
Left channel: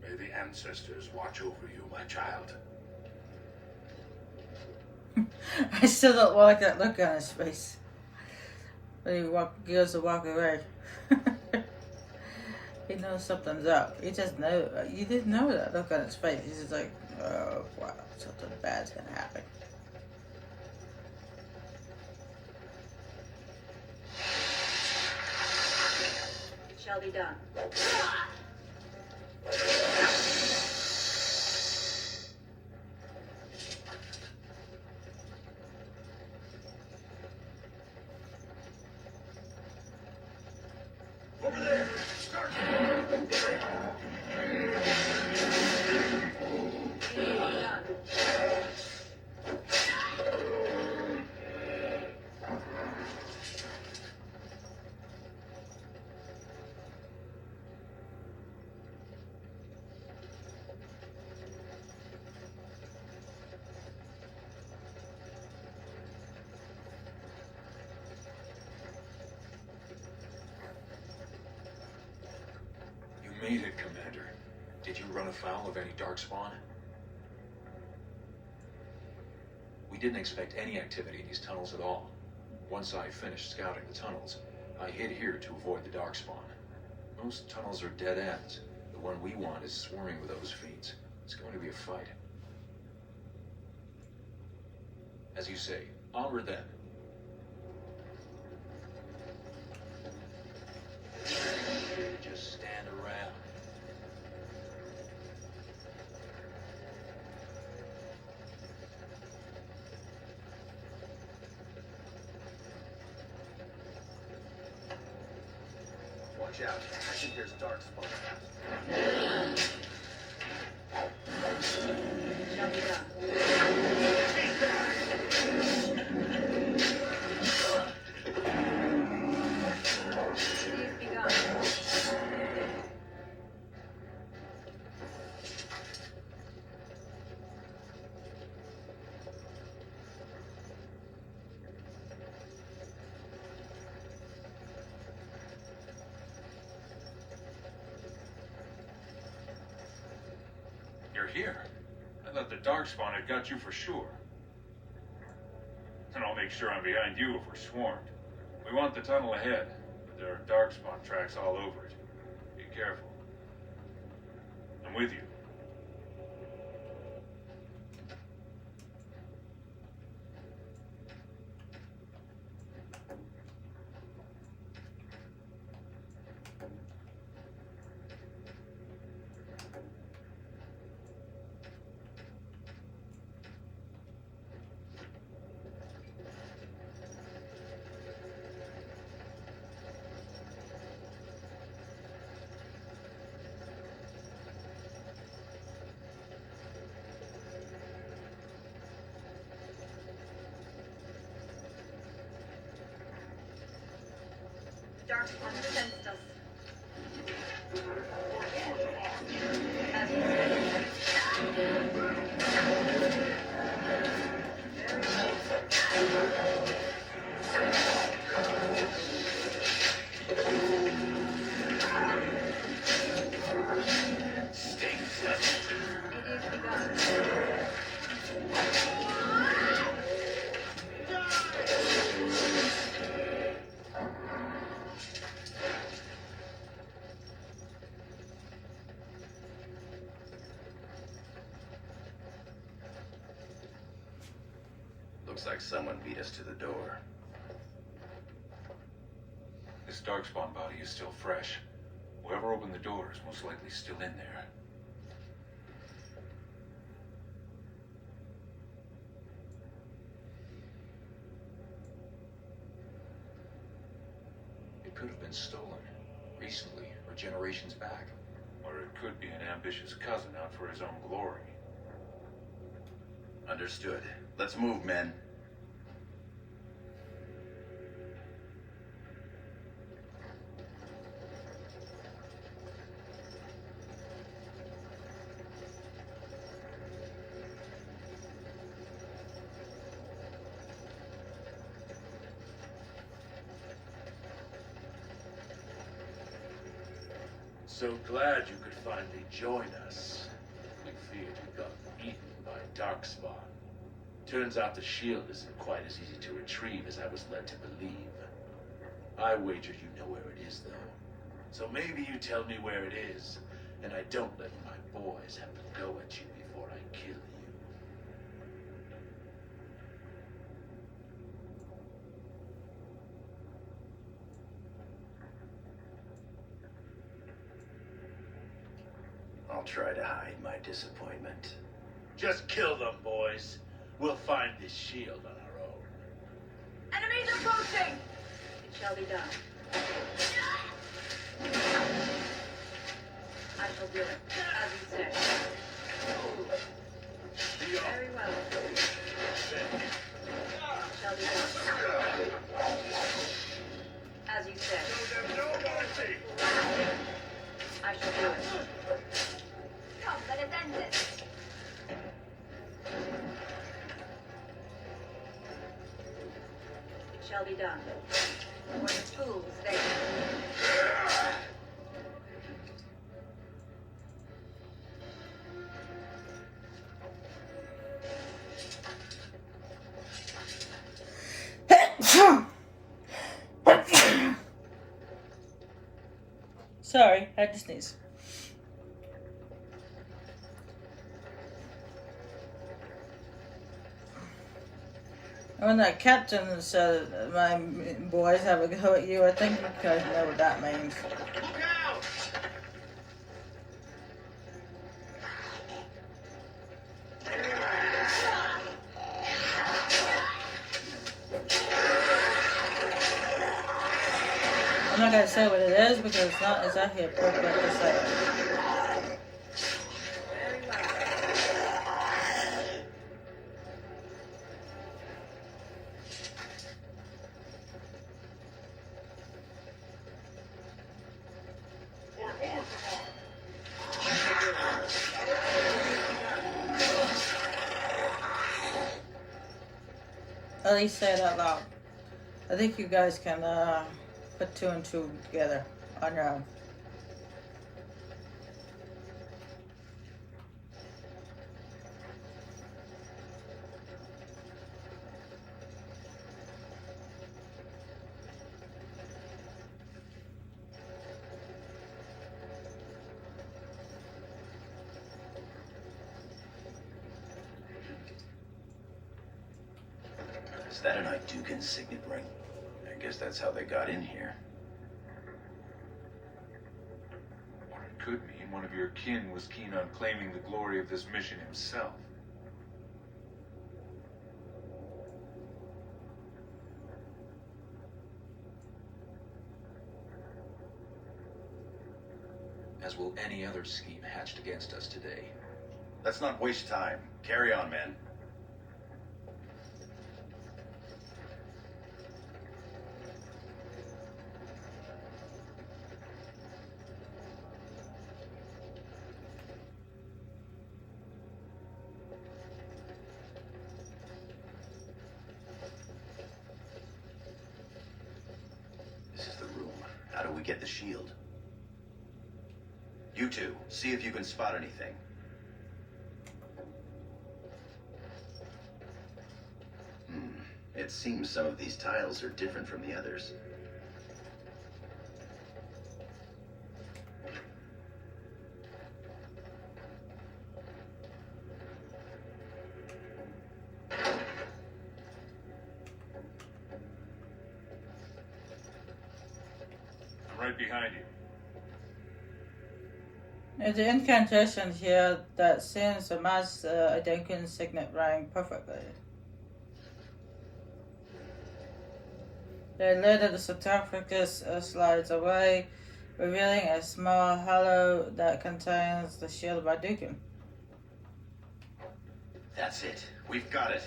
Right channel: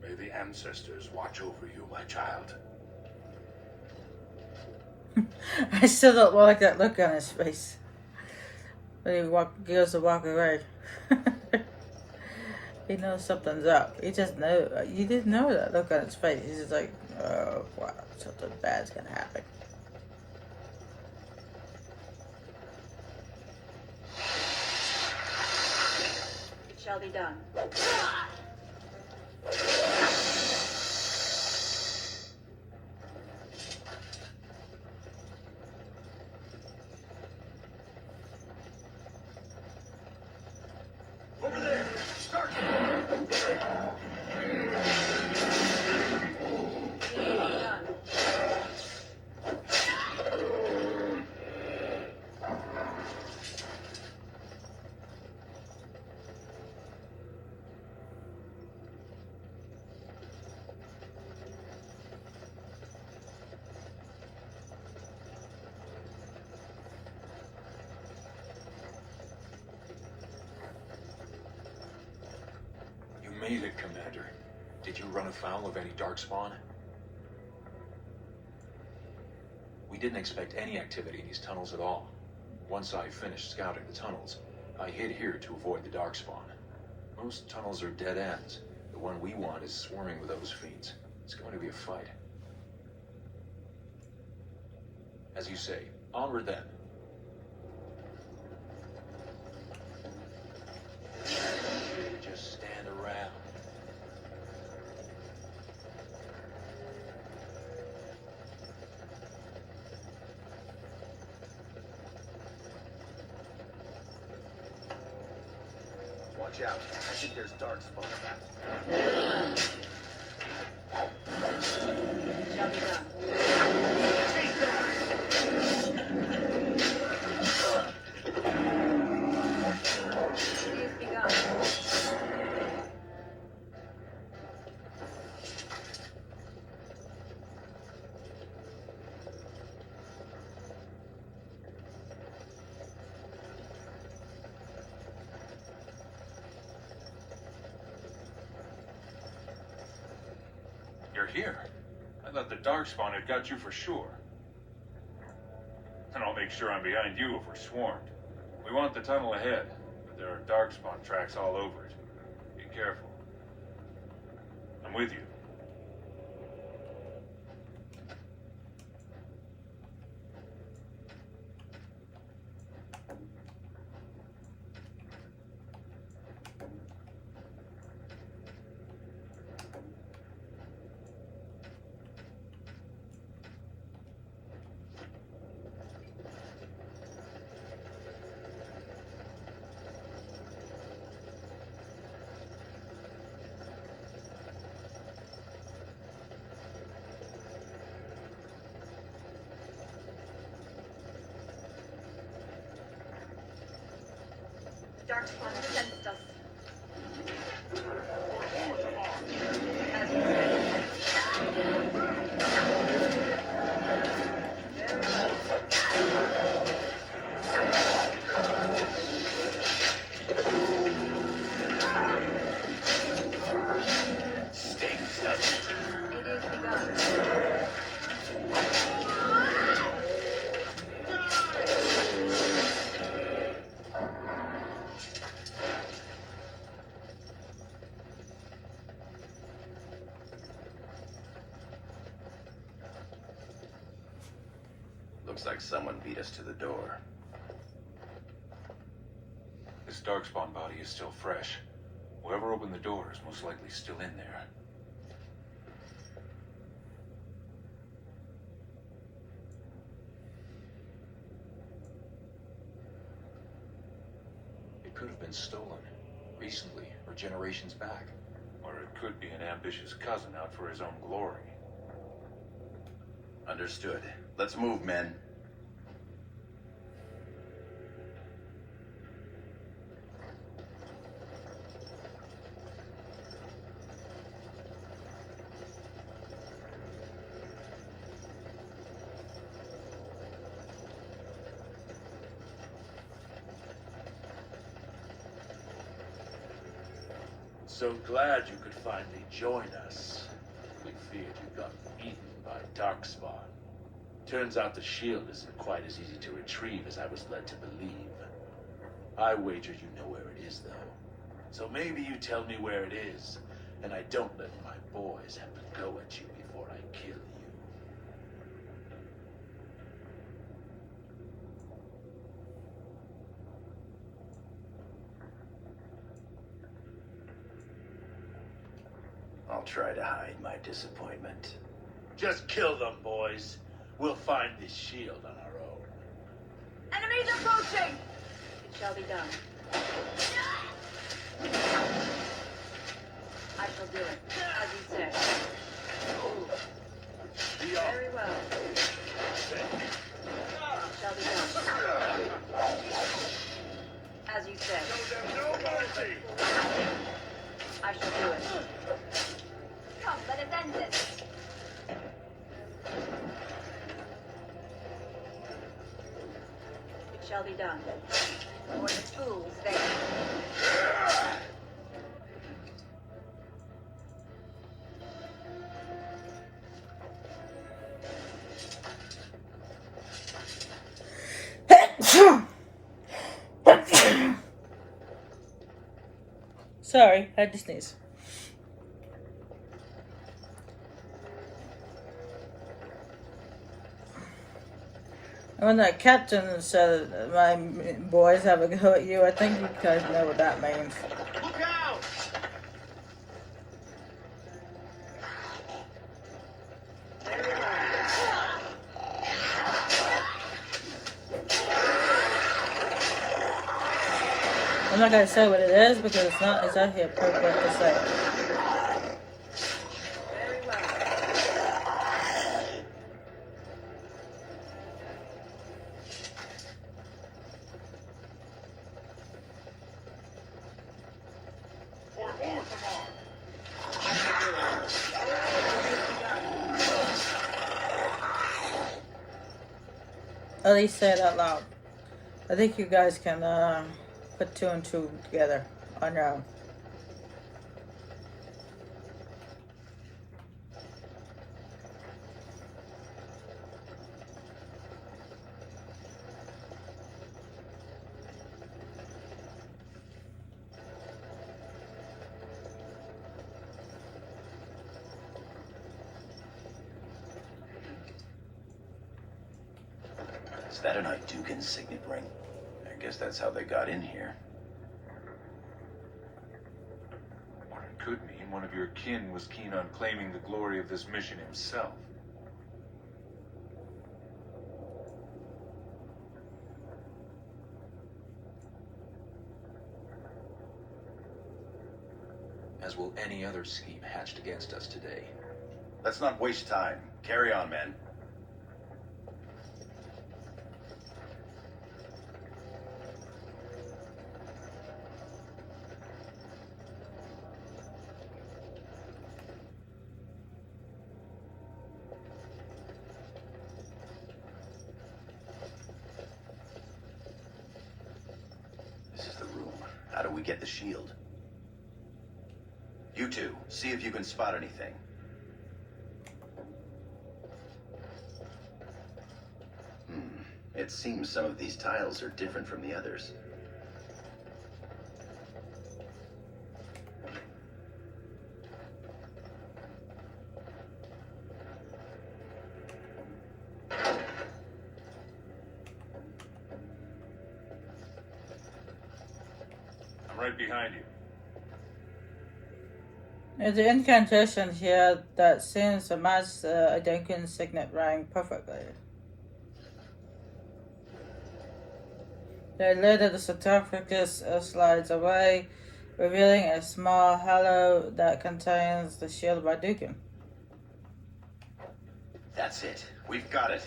May the ancestors watch over you, my child. I still don't like that look on his face. When he goes to walk away. He knows something's up. He just knows. You didn't know that look on his face. He's just like, oh, wow, something bad's gonna happen. It shall be done. Over there! Start! You made it, Commander. Did you run afoul of any Darkspawn? We didn't expect any activity in these tunnels at all. Once I finished scouting the tunnels, I hid here to avoid the Darkspawn. Most tunnels are dead ends. The one we want is swarming with those fiends. It's going to be a fight. As you say, onward then. Just stand around. Watch out. I think there's Darkspawn. Shall be done. Please be gone. You're here. I thought the Darkspawn had got you for sure. And I'll make sure I'm behind you if we're swarmed. We want the tunnel ahead, but there are Darkspawn tracks all over it. Be careful. I'm with you. Darkspawn has sensed us. Looks like someone beat us to the door. This darkspawn body is still fresh. Whoever opened the door is most likely still in there. It could have been stolen. Recently, or generations back. Or it could be an ambitious cousin out for his own glory. Understood. Let's move, men. So glad you could finally join us. We feared you got eaten by Darkspawn. Turns out the shield isn't quite as easy to retrieve as I was led to believe. I wager you know where it is, though. So maybe you tell me where it is, and I don't let my boys have to go at you before I kill you. I'll try to hide my disappointment. Just kill them, boys. We'll find this shield on our own. Enemies approaching! It shall be done. I shall do it, as you say. Very well. It shall be done. As you say. No mercy! I shall do it. Come, let us end this. It shall be done. For the fools there. Sorry, I had to sneeze. And when that captain said my boys have a go at you, I think you guys know what that means. Look out! I'm not gonna say what it is because it's not exactly appropriate to say. Very well. For Orthamar! At least say it out loud. I think you guys can put two and two together on your own. Is that an Idukan signet ring? I guess that's how they got in here. Or it could mean one of your kin was keen on claiming the glory of this mission himself. As will any other scheme hatched against us today. Let's not waste time. Carry on, men. This is the room. How do we get the shield? You two, see if you can spot anything. It seems some of these tiles are different from the others. I'm right behind you. There's an incantation here that seems to match the Identical signet ring perfectly. The lid of the sarcophagus slides away, revealing a small hollow that contains the shield of Ardukin. That's it. We've got it.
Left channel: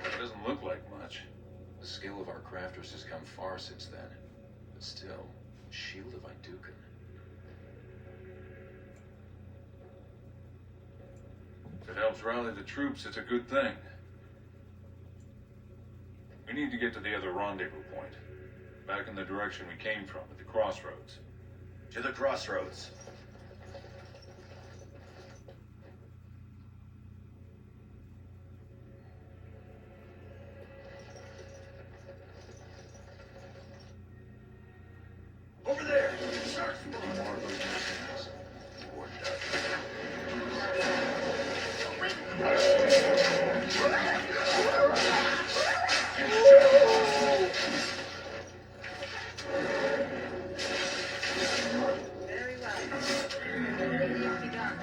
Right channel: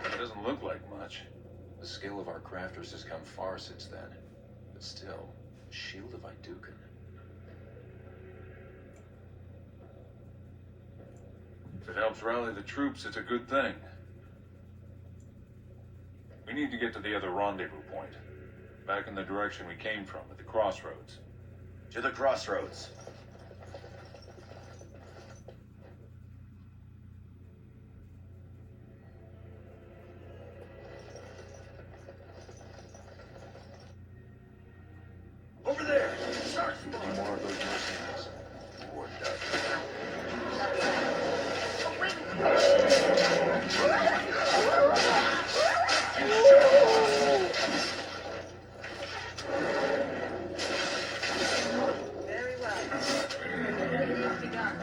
It doesn't look like much. The skill of our crafters has come far since then. But still, Shield of Idukan. If it helps rally the troops, it's a good thing. We need to get to the other rendezvous point. Back in the direction we came from, at the crossroads. To the crossroads. Over there! Start More of those mercenaries. Or Dutch. Very well. Begun.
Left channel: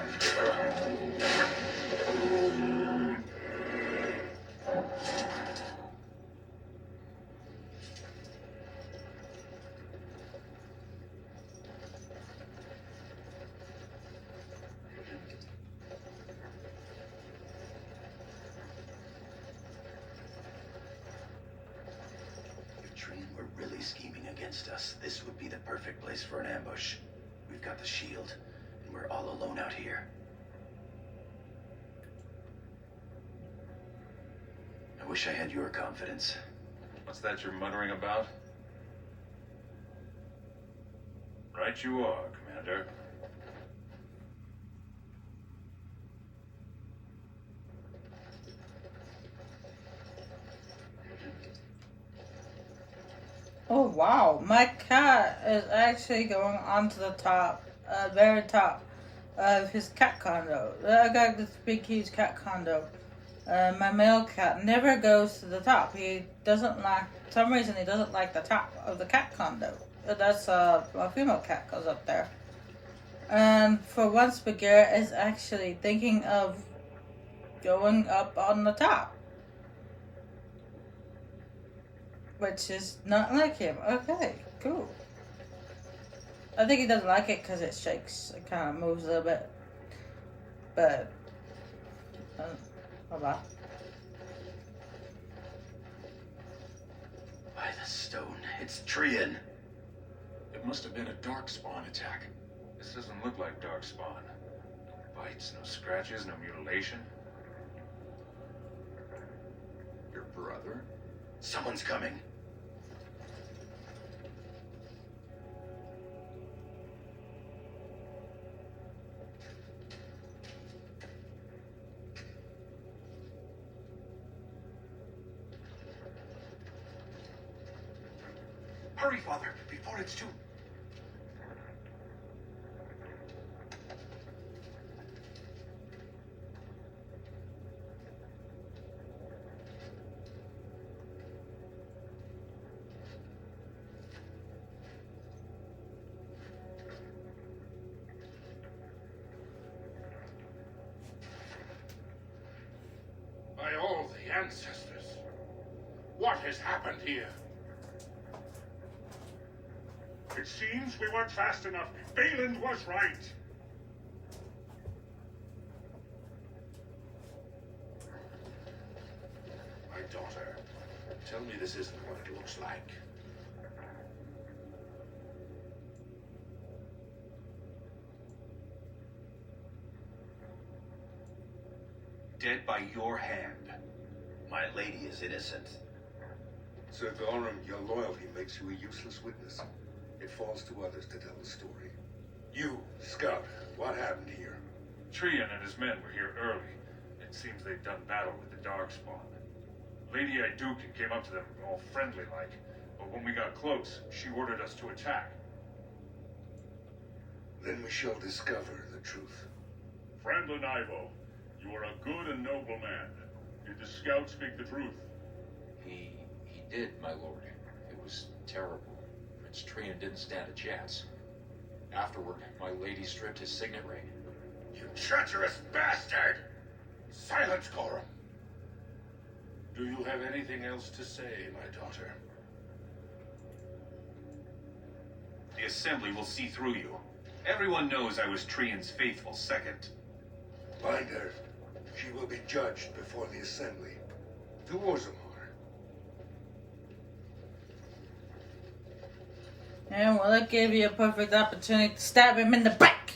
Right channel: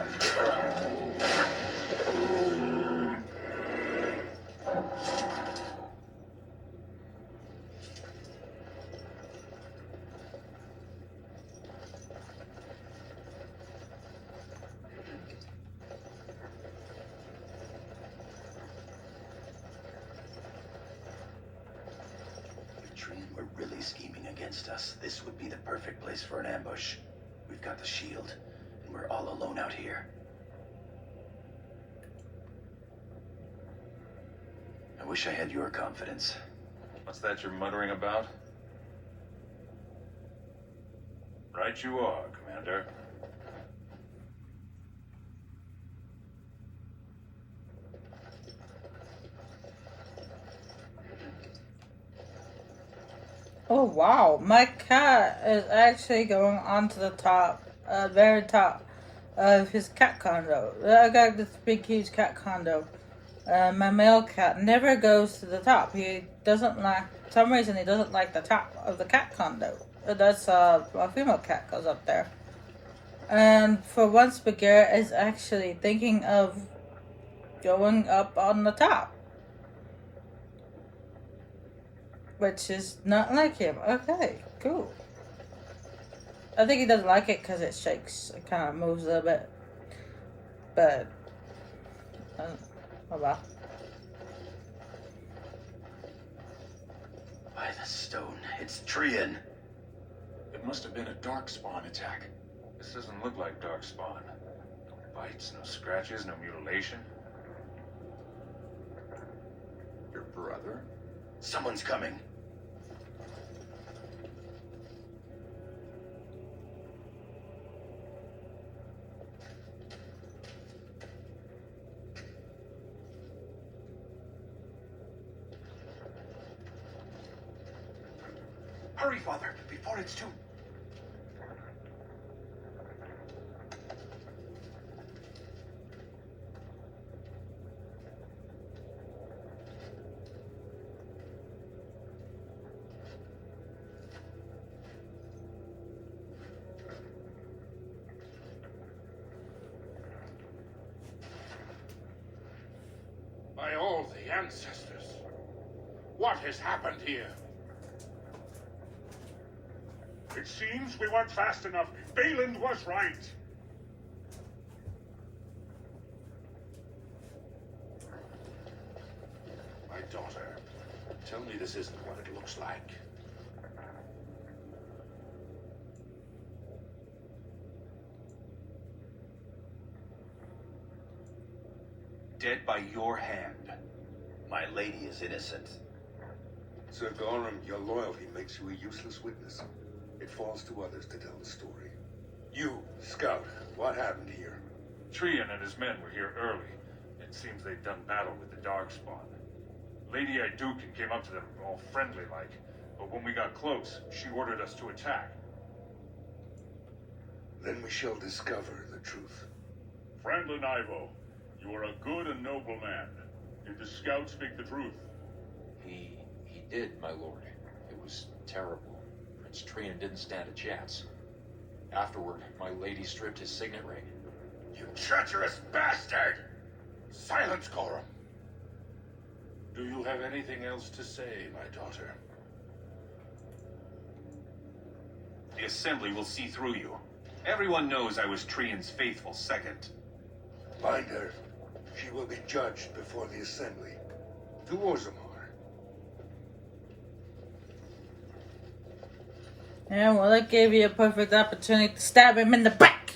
If Treen were really scheming against us, this would be the perfect place for an ambush. We've got the shield, and we're all alone out here. I wish I had your confidence. What's that you're muttering about? Right you are, Commander. Oh wow, my cat is actually going onto the top, very top of his cat condo. I got this big huge cat condo. My male cat never goes to the top. He doesn't like, for some reason he doesn't like the top of the cat condo. That's a female cat goes up there. And for once, Bagheera is actually thinking of going up on the top. Which is not like him. Okay, cool. I think he doesn't like it because it shakes. It kind of moves a little bit. But, oh wow. By the stone, it's Trian. It must have been a darkspawn attack. This doesn't look like darkspawn. No bites, no scratches, no mutilation. Your brother? Someone's coming. Hurry, Father, before it's too... By all the ancestors, what has happened here? It seems we weren't fast enough. Balin was right. My daughter, tell me this isn't what it looks like. Dead by your hand. My lady is innocent. Sir Gorham, your loyalty makes you a useless witness. It falls to others to tell the story. You, Scout, what happened here? Trian and his men were here early. It seems they've done battle with the Darkspawn. Lady Iduken came up to them all friendly-like, but when we got close, she ordered us to attack. Then we shall discover the truth. Franklin Ivo, you are a good and noble man. Did the scout speak the truth? He did, my lord. It was terrible. Prince Trian didn't stand a chance. Afterward, my lady stripped his signet ring. You treacherous bastard! Silence, Coram. Do you have anything else to say, my daughter? The Assembly will see through you. Everyone knows I was Trian's faithful second. Bind her. She will be judged before the Assembly. To Orzammar. Yeah, well, that gave you a perfect opportunity to stab him in the back.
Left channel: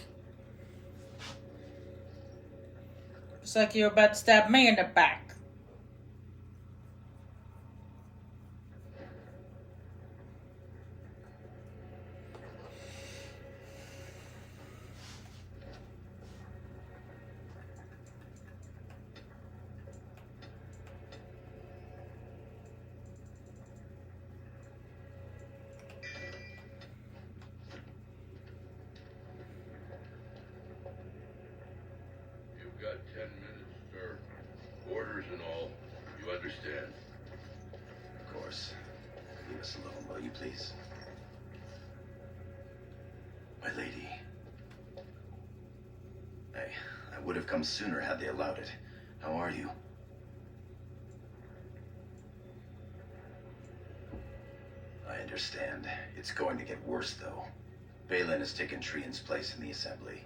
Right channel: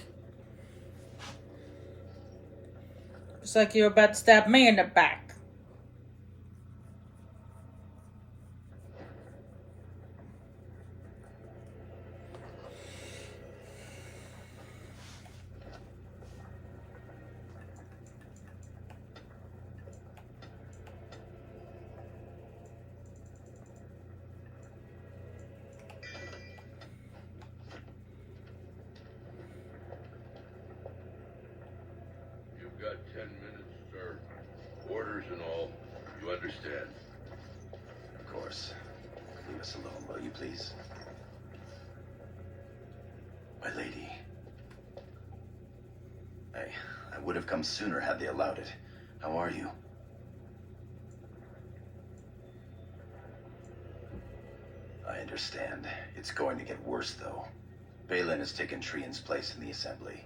Just like you were about to stab me in the back. You've got 10 minutes, sir. Orders and all. You understand? Of course. Leave us alone, will you please? My lady. I would have come sooner had they allowed it. How are you? I understand. It's going to get worse, though. Balin has taken Trian's place in the Assembly.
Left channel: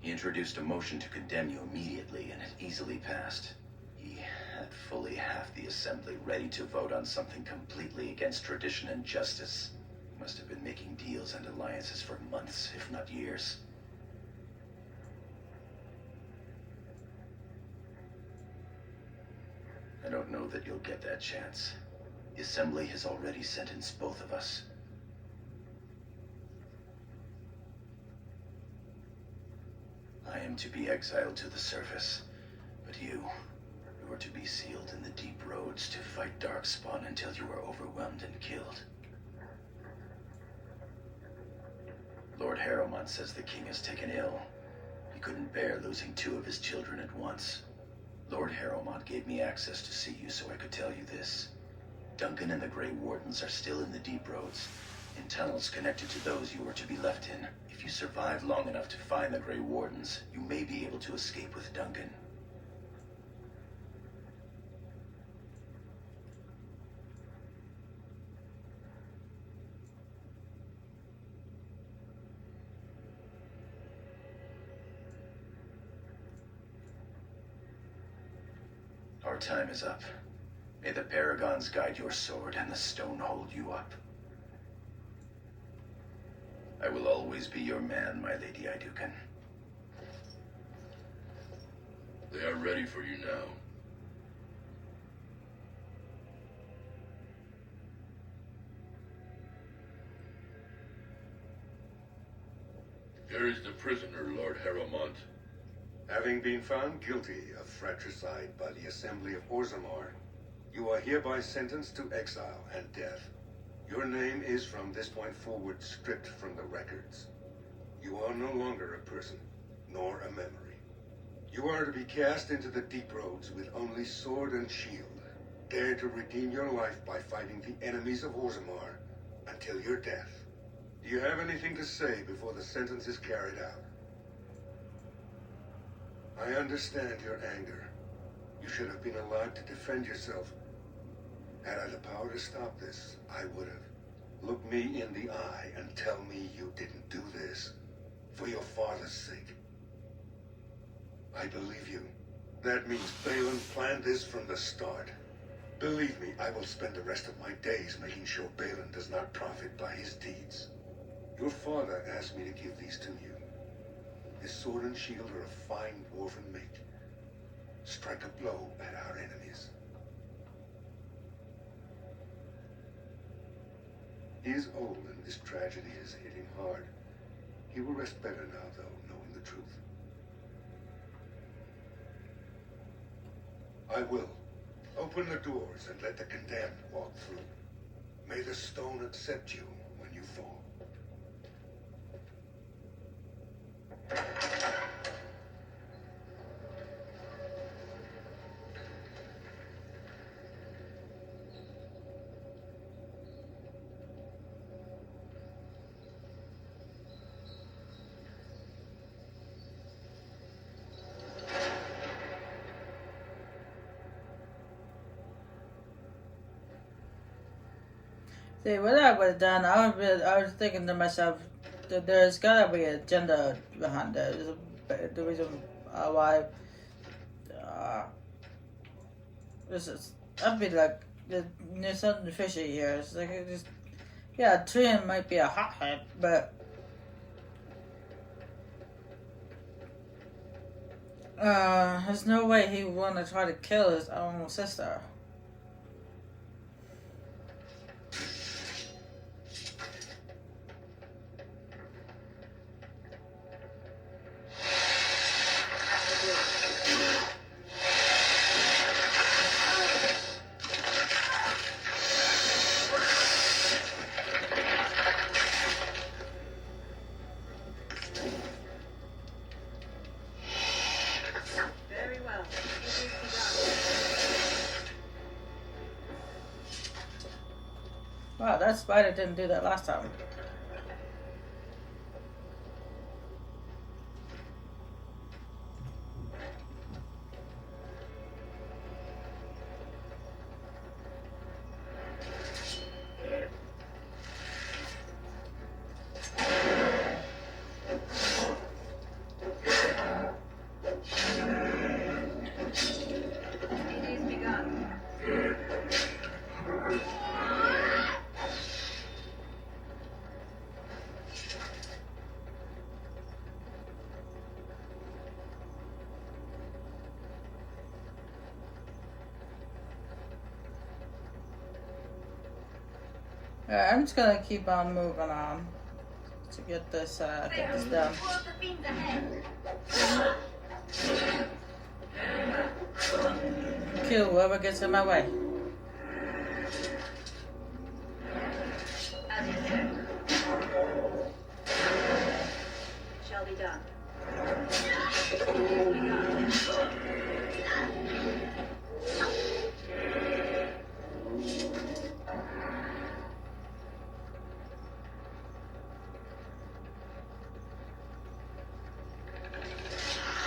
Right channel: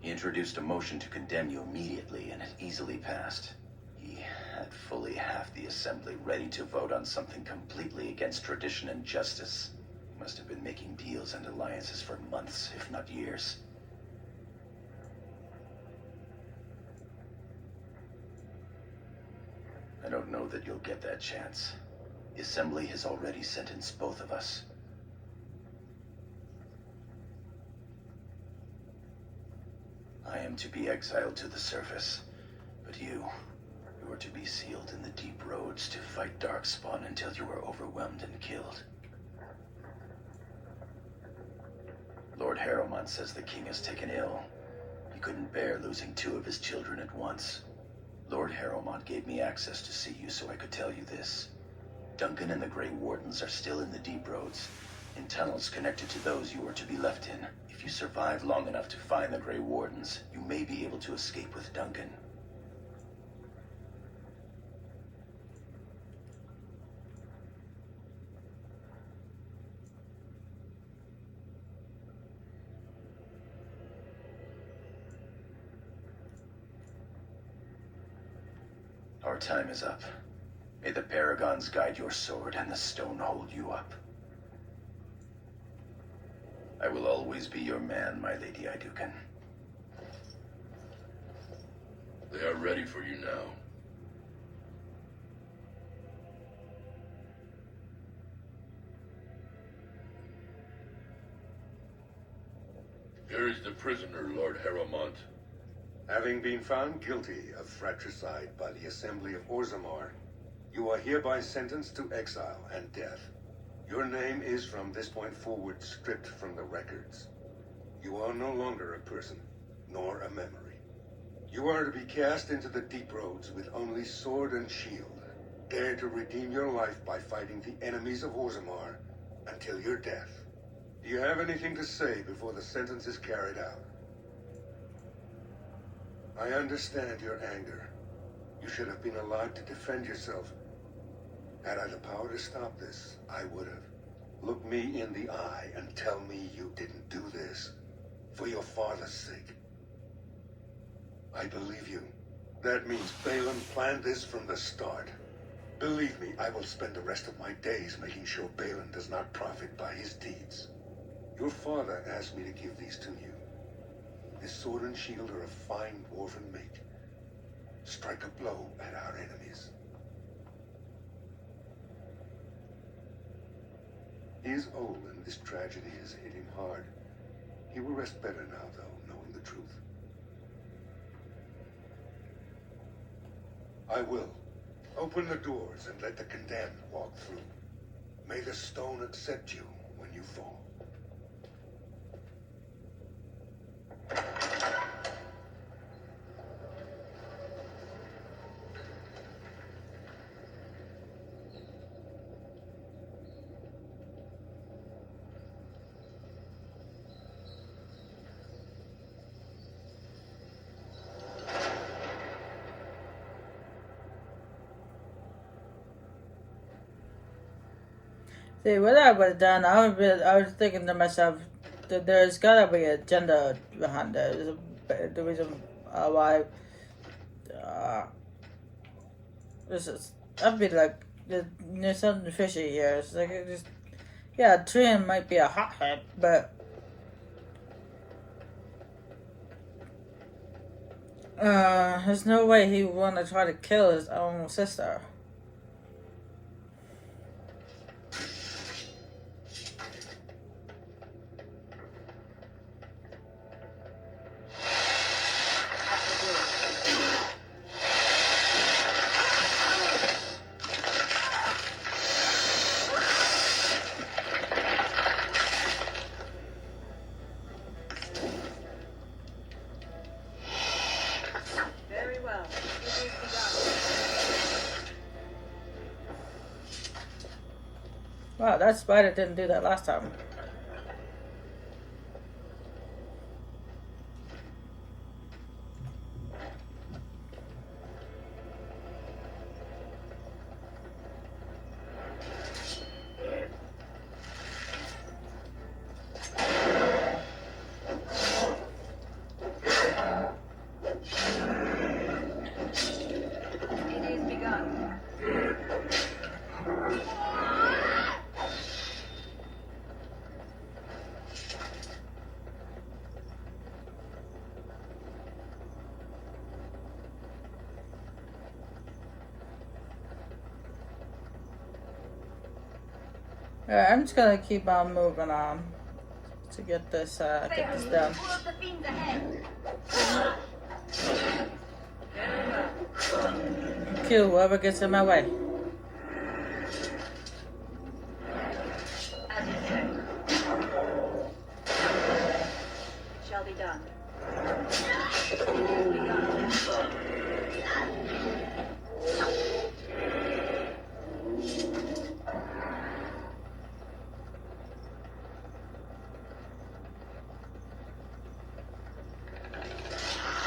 He introduced a motion to condemn you immediately, and it easily passed. He had fully half the Assembly ready to vote on something completely against tradition and justice. He must have been making deals and alliances for months, if not years. I don't know that you'll get that chance. The Assembly has already sentenced both of us. I am to be exiled to the surface, but you are to be sealed in the deep roads to fight Darkspawn until you are overwhelmed and killed. Lord Harrowmont says the king is taken ill. He couldn't bear losing 2 of his children at once. Lord Harrowmont gave me access to see you so I could tell you this. Duncan and the Grey Wardens are still in the deep roads, in tunnels connected to those you are to be left in. If you survive long enough to find the Grey Wardens, you may be able to escape with Duncan. Our time is up. May the Paragons guide your sword and the stone hold you up. I will always be your man, my Lady Iduken. They are ready for you now. Here is the prisoner, Lord Harrowmont. Having been found guilty of fratricide by the Assembly of Orzammar, you are hereby sentenced to exile and death. Your name is from this point forward stripped from the records. You are no longer a person, nor a memory. You are to be cast into the deep roads with only sword and shield. Dare to redeem your life by fighting the enemies of Orzammar until your death. Do you have anything to say before the sentence is carried out? I understand your anger. You should have been alive to defend yourself. Had I the power to stop this, I would have. Look me in the eye and tell me you didn't do this for your father's sake. I believe you. That means Balin planned this from the start. Believe me, I will spend the rest of my days making sure Balin does not profit by his deeds. Your father asked me to give these to you. This sword and shield are a fine dwarven make. Strike a blow at our enemies. He is old and this tragedy has hit him hard. He will rest better now, though, knowing the truth. I will, Open the doors and let the condemned walk through. May the stone accept you when you fall. See, what I would have done, I was thinking to myself, there's gotta be an agenda behind it. The reason why this is, I'd be like, there's something fishy here. It's like, it just, yeah, Trian might be a hothead, but there's no way he would want to try to kill his own sister. Very well. It is begun. Wow, that spider didn't do that last time. It is begun. Yeah, I'm just gonna keep on moving on to get this done. Kill whoever gets in my way. As you said. Shall be done. It is begun.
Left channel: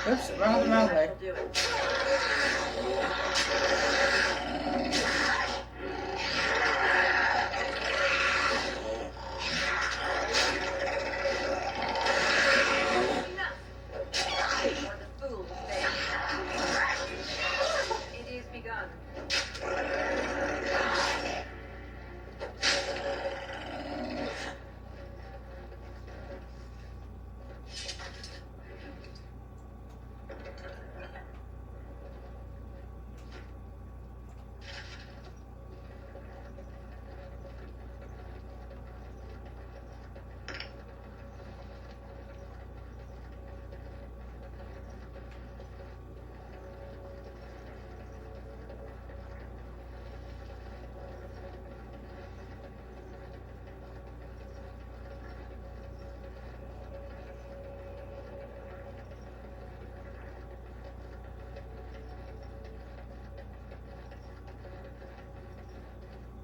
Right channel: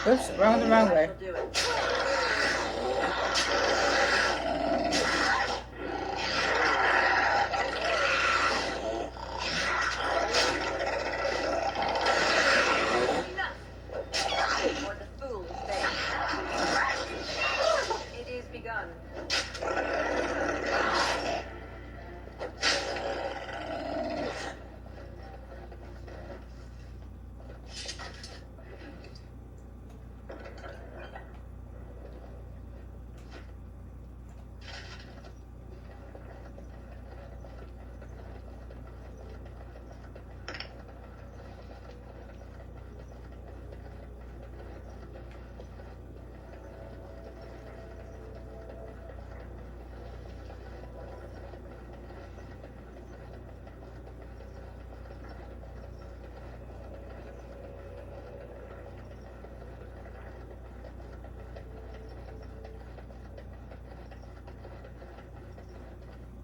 Oops, wrong I way. shall do it. Or the fool is there. It is begun.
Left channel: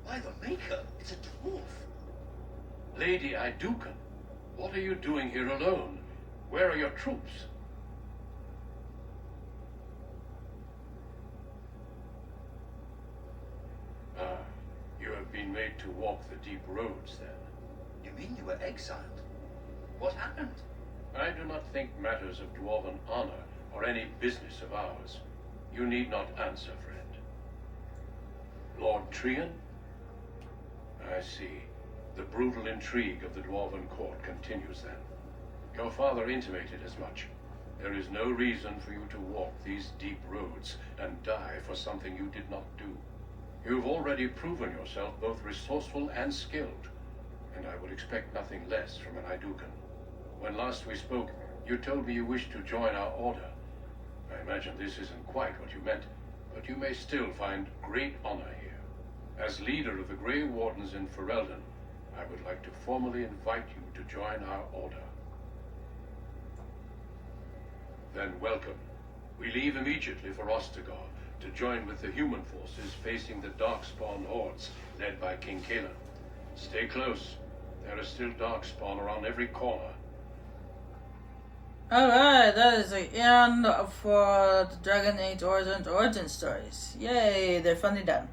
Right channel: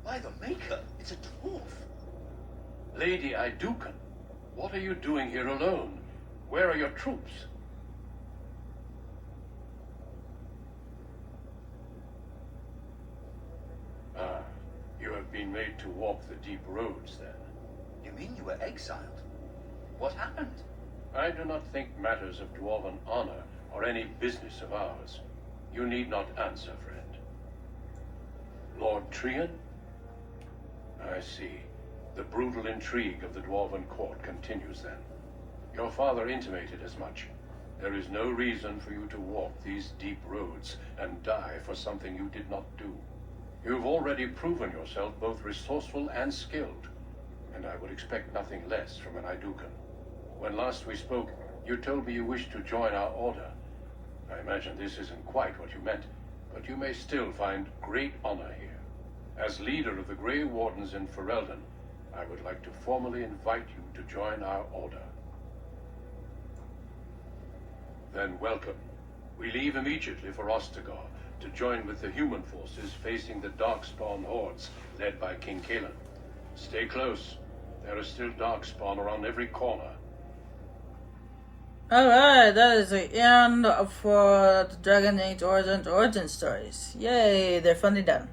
By the Maker, it's a dwarf. Lady Idukan, what are you doing here alone? Where are your troops? Ah, you have been made to walk the deep roads, then. You mean you were exiled? What happened? I do not think matters of dwarven honor are any business of ours. You need not answer, friend. Lord Trian? I see. The brutal intrigue of the dwarven court continues then. Your father intimated as much. There is no reason for you to walk these deep roads and die for something you did not do. You've already proven yourself both resourceful and skilled, and I would expect nothing less from an Idukan. When last we spoke, you told me you wished to join our order. I imagine this isn't quite what you meant, but you may still find great honor here. As leader of the Grey Wardens in Ferelden, I would like to formally invite you to join our order. Then welcome. We leave immediately for Ostagar to join with the human forces facing the Darkspawn hordes led by King Kaelan. Stay close. There is still Darkspawn around every corner. Alright, that is the end for the Dragon Age origin stories. Yay, they're finally done.